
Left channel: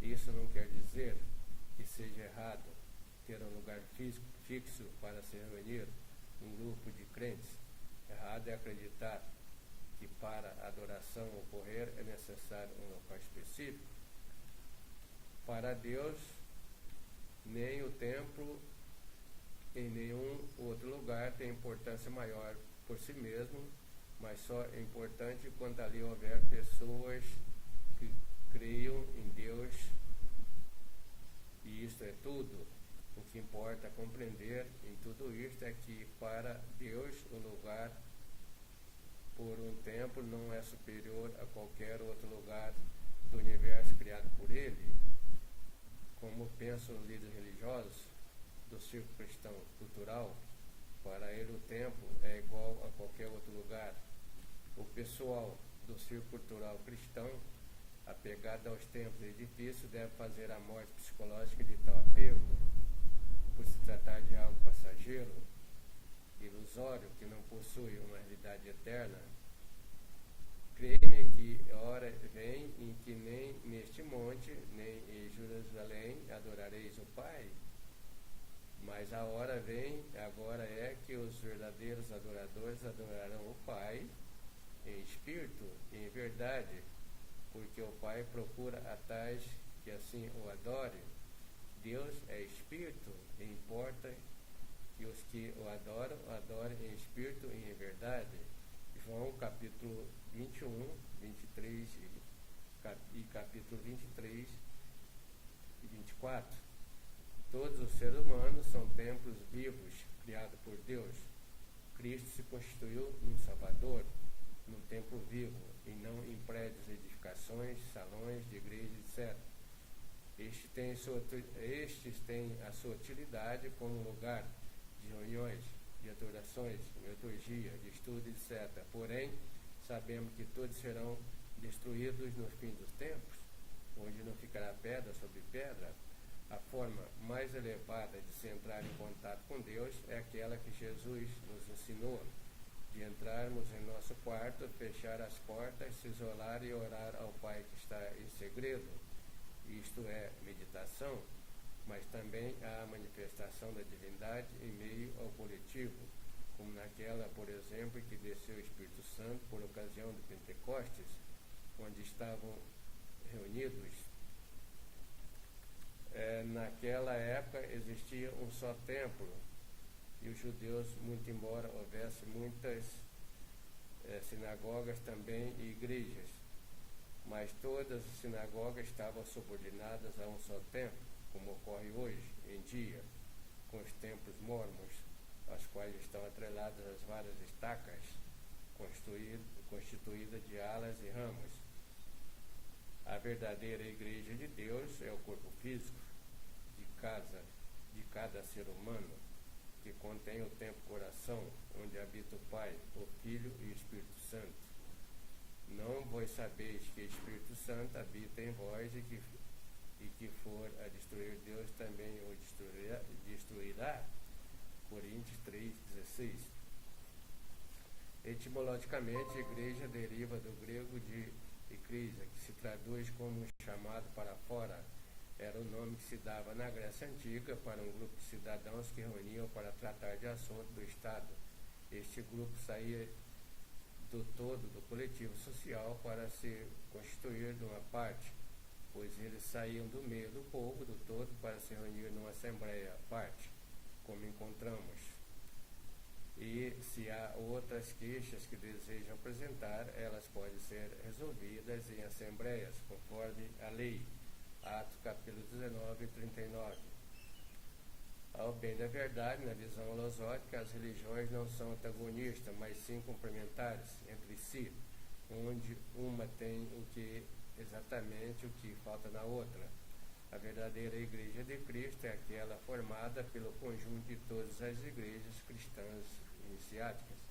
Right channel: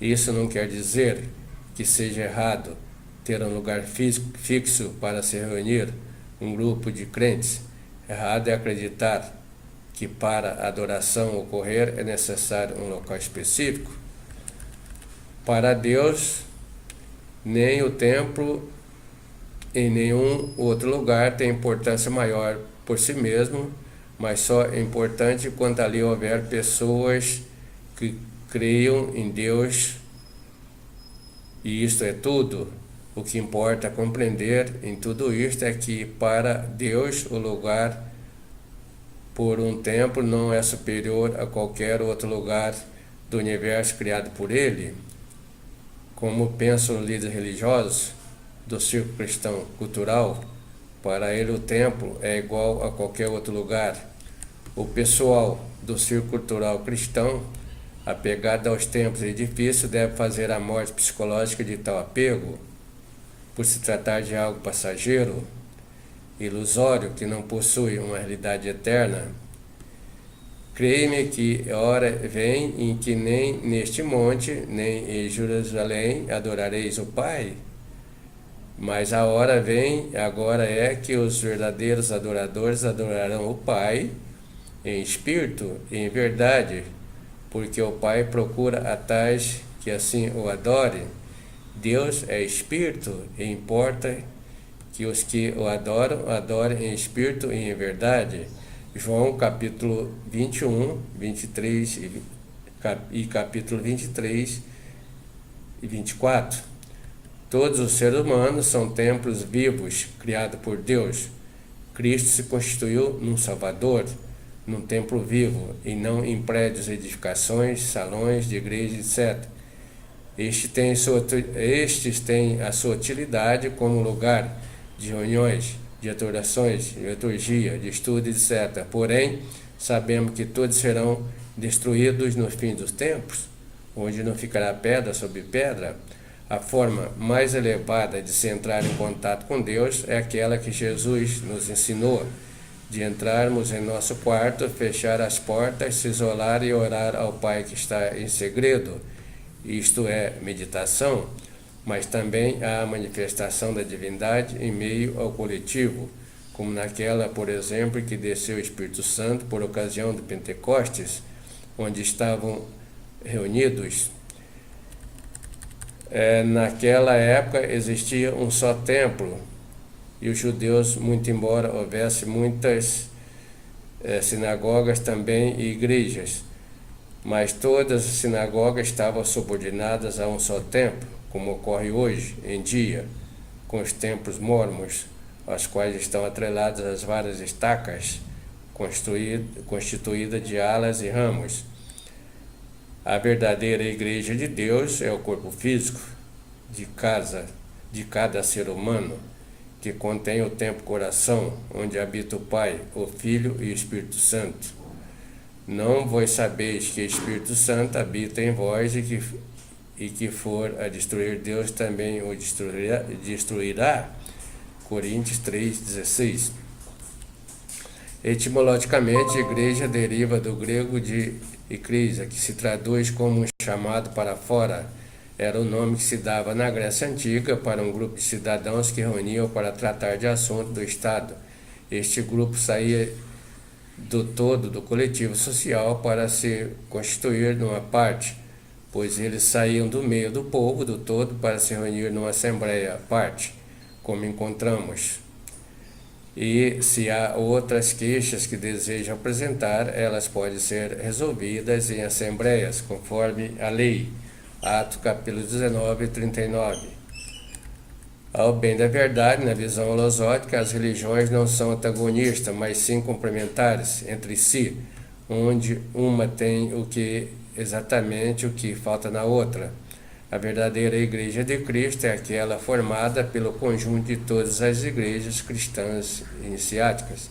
Isso não quer dizer que seja errado ter um lugar fixo para se reunir um grupo de crentes. Errado é acreditar que para a adoração ocorrer é necessário um local específico. Para Deus, nem o templo em nenhum outro lugar tem importância maior por si mesmo, mas só é importante quando ali houver pessoas que creiam em Deus, e isto é tudo. O que importa compreender em tudo isto é que para Deus o lugar por um templo não é superior a qualquer outro lugar do universo criado por Ele. Como pensam líderes religiosos do círculo cristão cultural, para ele o templo é igual a qualquer outro lugar. O pessoal do círculo cultural cristão, apegado aos templos e edifícios, deve fazer a morte psicológica de tal apego, por se tratar de algo passageiro, ilusório, que não possui uma realidade eterna. Creia-me que hora vem em que nem neste monte, nem em Jerusalém adorareis o Pai. Mas a hora vem, agora é que os verdadeiros adoradores adorarão o Pai em espírito e em verdade, porque o Pai procura a tais que assim o adorem. Deus é espírito e importa que os que o adoram, adorem em espírito e em verdade. João capítulo 21, 23 e capítulo 23 e 24. Todos os seres humanos são templos vivos, criados por Deus. Cristo se constituiu num Salvador, num templo vivo, e não em prédios, edificações, salões de igreja, etc. Estes têm a sua utilidade como lugar de reuniões, de adorações, de liturgia, de estudo, etc. Porém, sabemos que todos serão destruídos no fim dos tempos, onde não ficará pedra sobre pedra. A forma mais elevada de se entrar em contato com Deus é aquela que Jesus nos ensinou, de entrarmos em nosso quarto, fechar as portas, se isolar e orar ao Pai que está em segredo. Isto é meditação, mas também há a manifestação da divindade em meio ao coletivo, como naquela, por exemplo, que desceu o Espírito Santo por ocasião do Pentecostes, onde estavam reunidos. Naquela época existia um só templo, e os judeus, muito embora houvesse muitas sinagogas também e igrejas, mas todas as sinagogas estavam subordinadas a um só templo, como ocorre hoje em dia, com os templos mórmons, aos quais estão atreladas as várias estacas, constituídas de alas e ramos. A verdadeira igreja de Deus é o corpo físico de cada ser humano, que contém o templo-coração, onde habita o Pai, o Filho e o Espírito Santo. Não vós sabeis que o Espírito Santo habita em vós e que for a destruir Deus também o destruirá. Coríntios 3,16. Etimologicamente, igreja deriva do grego de Eclesia, que se traduz como um chamado para fora. Era o nome que se dava na Grécia Antiga para um grupo de cidadãos que reuniam para tratar de assuntos do Estado. Este grupo saía do todo do coletivo social para se constituir numa parte, pois eles saíam do meio do povo do todo para se reunir numa assembleia à parte, como encontramos. E se há outras queixas que desejam apresentar, elas podem ser resolvidas em assembleias, conforme a lei. Atos capítulo 19, 39. Ao bem da verdade, na visão holosótica, as religiões não são antagonistas, mas sim complementares entre si, onde uma tem exatamente o que falta na outra. A verdadeira Igreja de Cristo é aquela formada pelo conjunto de todas as igrejas cristãs iniciáticas,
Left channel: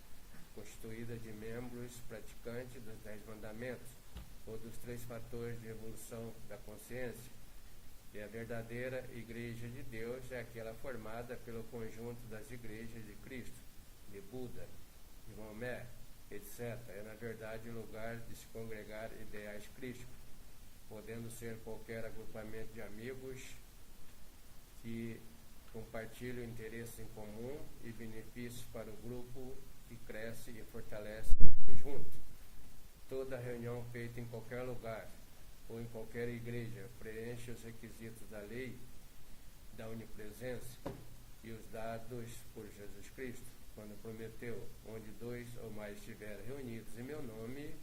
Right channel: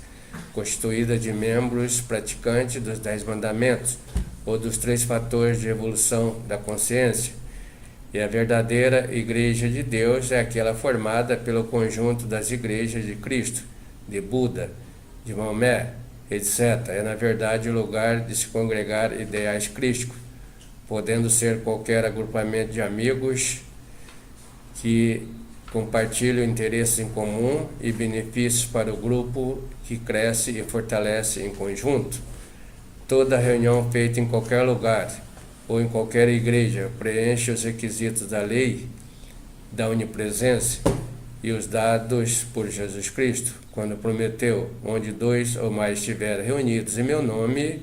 constituída de membros praticantes dos 10 mandamentos, ou dos 3 fatores de evolução da consciência. E a verdadeira Igreja de Deus é aquela formada pelo conjunto das igrejas de Cristo, de Buda, de Maomé, etc. É, na verdade, o lugar de se congregar ideais crísticos, podendo ser qualquer agrupamento de amigos que compartilham interesses em comum e benefícios para o grupo que cresce e fortalece em conjunto. Toda reunião feita em qualquer lugar ou em qualquer igreja preenche os requisitos da lei da onipresença e os dados por Jesus Cristo, quando prometeu: onde 2 ou mais estiverem reunidos em meu nome,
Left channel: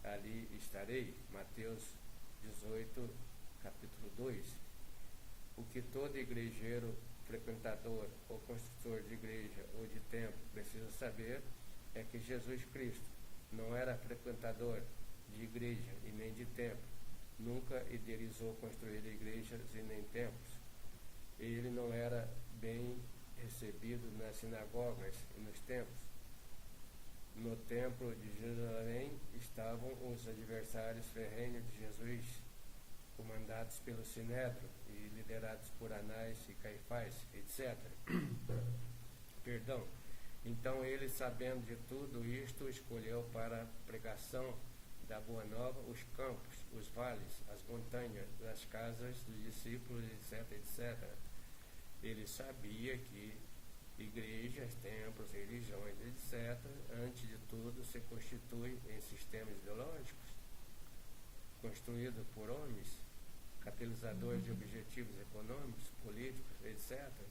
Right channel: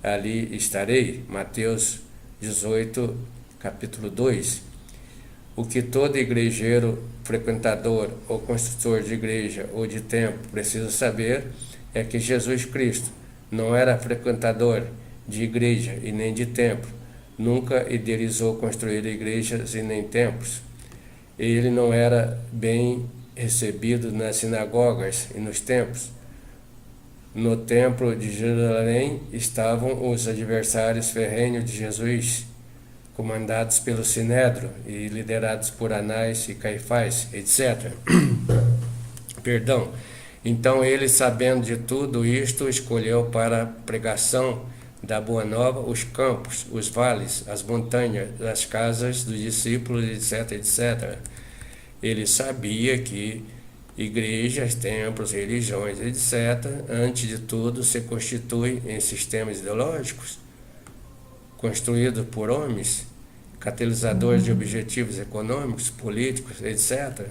ali estarei. Mateus 18, capítulo 2. O que todo igrejeiro, frequentador ou construtor de igreja ou de templo precisa saber é que Jesus Cristo não era frequentador de igreja e nem de templo, nunca idealizou construir igrejas e nem templos. Ele não era bem recebido nas sinagogas e nos templos. No templo de Jerusalém estavam os adversários ferrenhos de Jesus, comandados pelo Sinédrio e liderados por Anás e Caifás, etc. Perdão. Então ele, sabendo de tudo isto, escolheu para a pregação da Boa Nova os campos, os vales, as montanhas, as casas dos discípulos, etc, etc. Ele sabia que igrejas, templos, religiões, etc., antes de tudo, se constituem em sistemas ideológicos construídos por homens, catalisadores de objetivos econômicos, políticos, etc.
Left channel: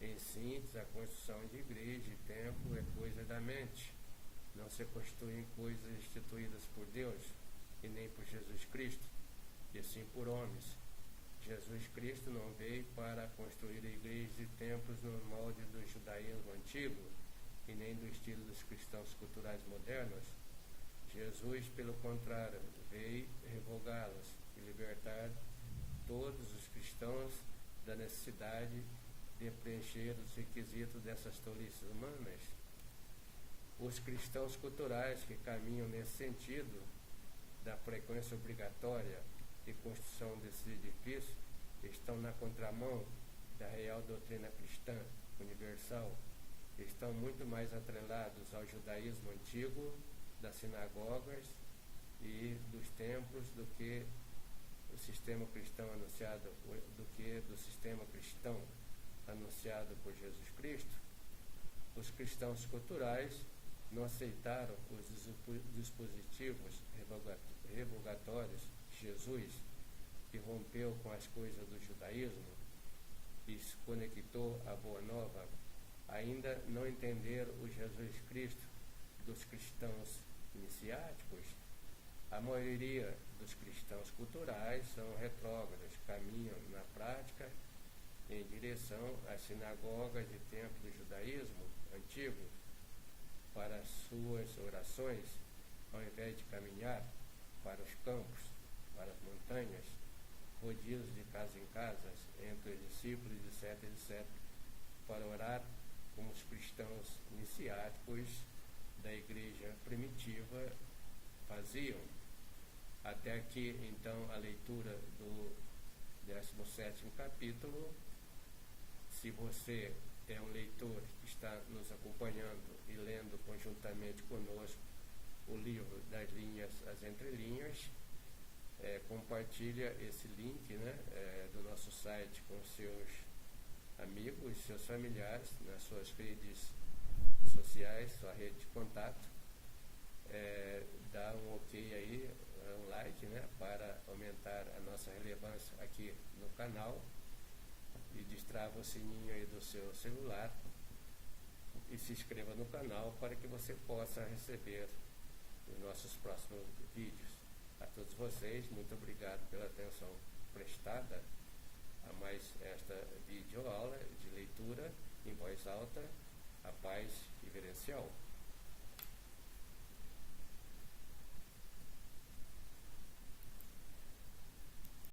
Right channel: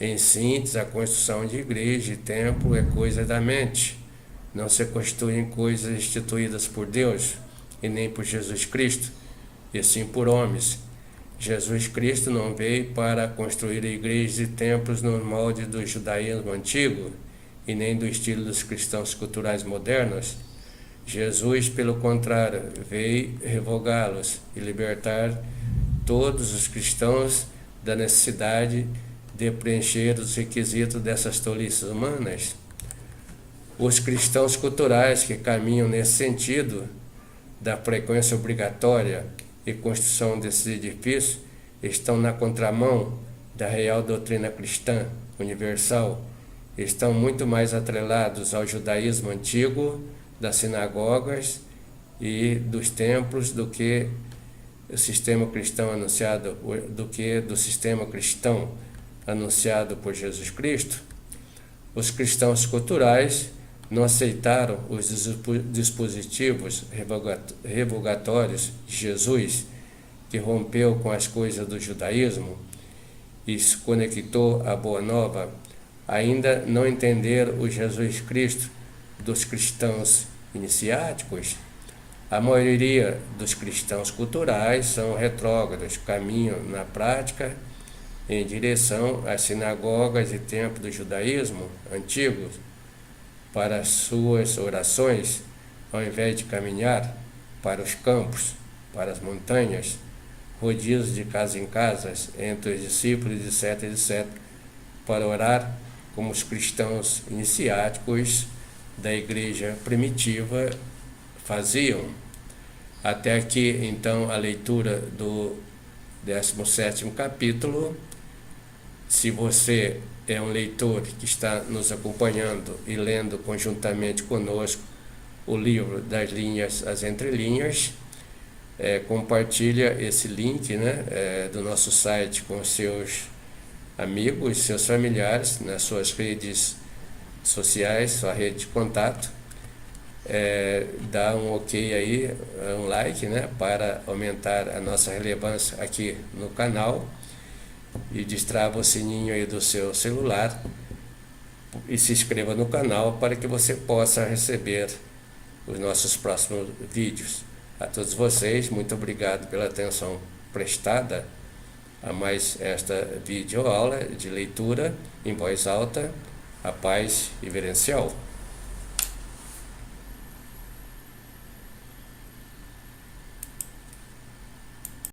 Em síntese, a construção de igreja e templo é coisa da mente. Não se constituem coisas instituídas por Deus e nem por Jesus Cristo, e sim por homens. Jesus Cristo não veio para construir igrejas e templos no molde do judaísmo antigo e nem do estilo dos cristãos culturais modernos. Jesus, pelo contrário, veio revogá-los e libertar todos os cristãos da necessidade de preencher os requisitos dessas tolices humanas. Os cristãos culturais que caminham nesse sentido da frequência obrigatória e construção desses edifícios estão na contramão da real doutrina cristã universal, estão muito mais atrelados ao judaísmo antigo, das sinagogas e dos templos do que o sistema cristão anunciado, do sistema cristão anunciado por Jesus Cristo. Os cristãos culturais não aceitaram os dispositivos revogatórios de Jesus, que rompeu com as coisas do judaísmo e se conectou à Boa Nova. Ainda não entenderam o Jesus Cristo dos cristãos iniciáticos. A maioria dos cristãos culturais são retrógrados, caminham na prática em direção às sinagogas e templos do judaísmo antigos para as suas orações, ao invés de caminhar para os campos, para as montanhas, rodízios de casa em casa, entre os discípulos, etc, etc, para orar como os cristãos iniciáticos da igreja primitiva faziam. Até aqui, então, a leitura do 17º capítulo. Se você é um leitor que está nos acompanhando e lendo conjuntamente conosco o livro das linhas às entrelinhas, compartilha esse link, do nosso site com seus amigos, seus familiares, nas suas redes sociais, sua rede de contato. Dá um ok aí, um like, para aumentar a nossa relevância aqui no canal, e destrava o sininho aí do seu celular e se inscreva no canal para que você possa receber os nossos próximos vídeos. A todos vocês, muito obrigado pela atenção prestada a mais esta videoaula de leitura em voz alta, a paz reverencial.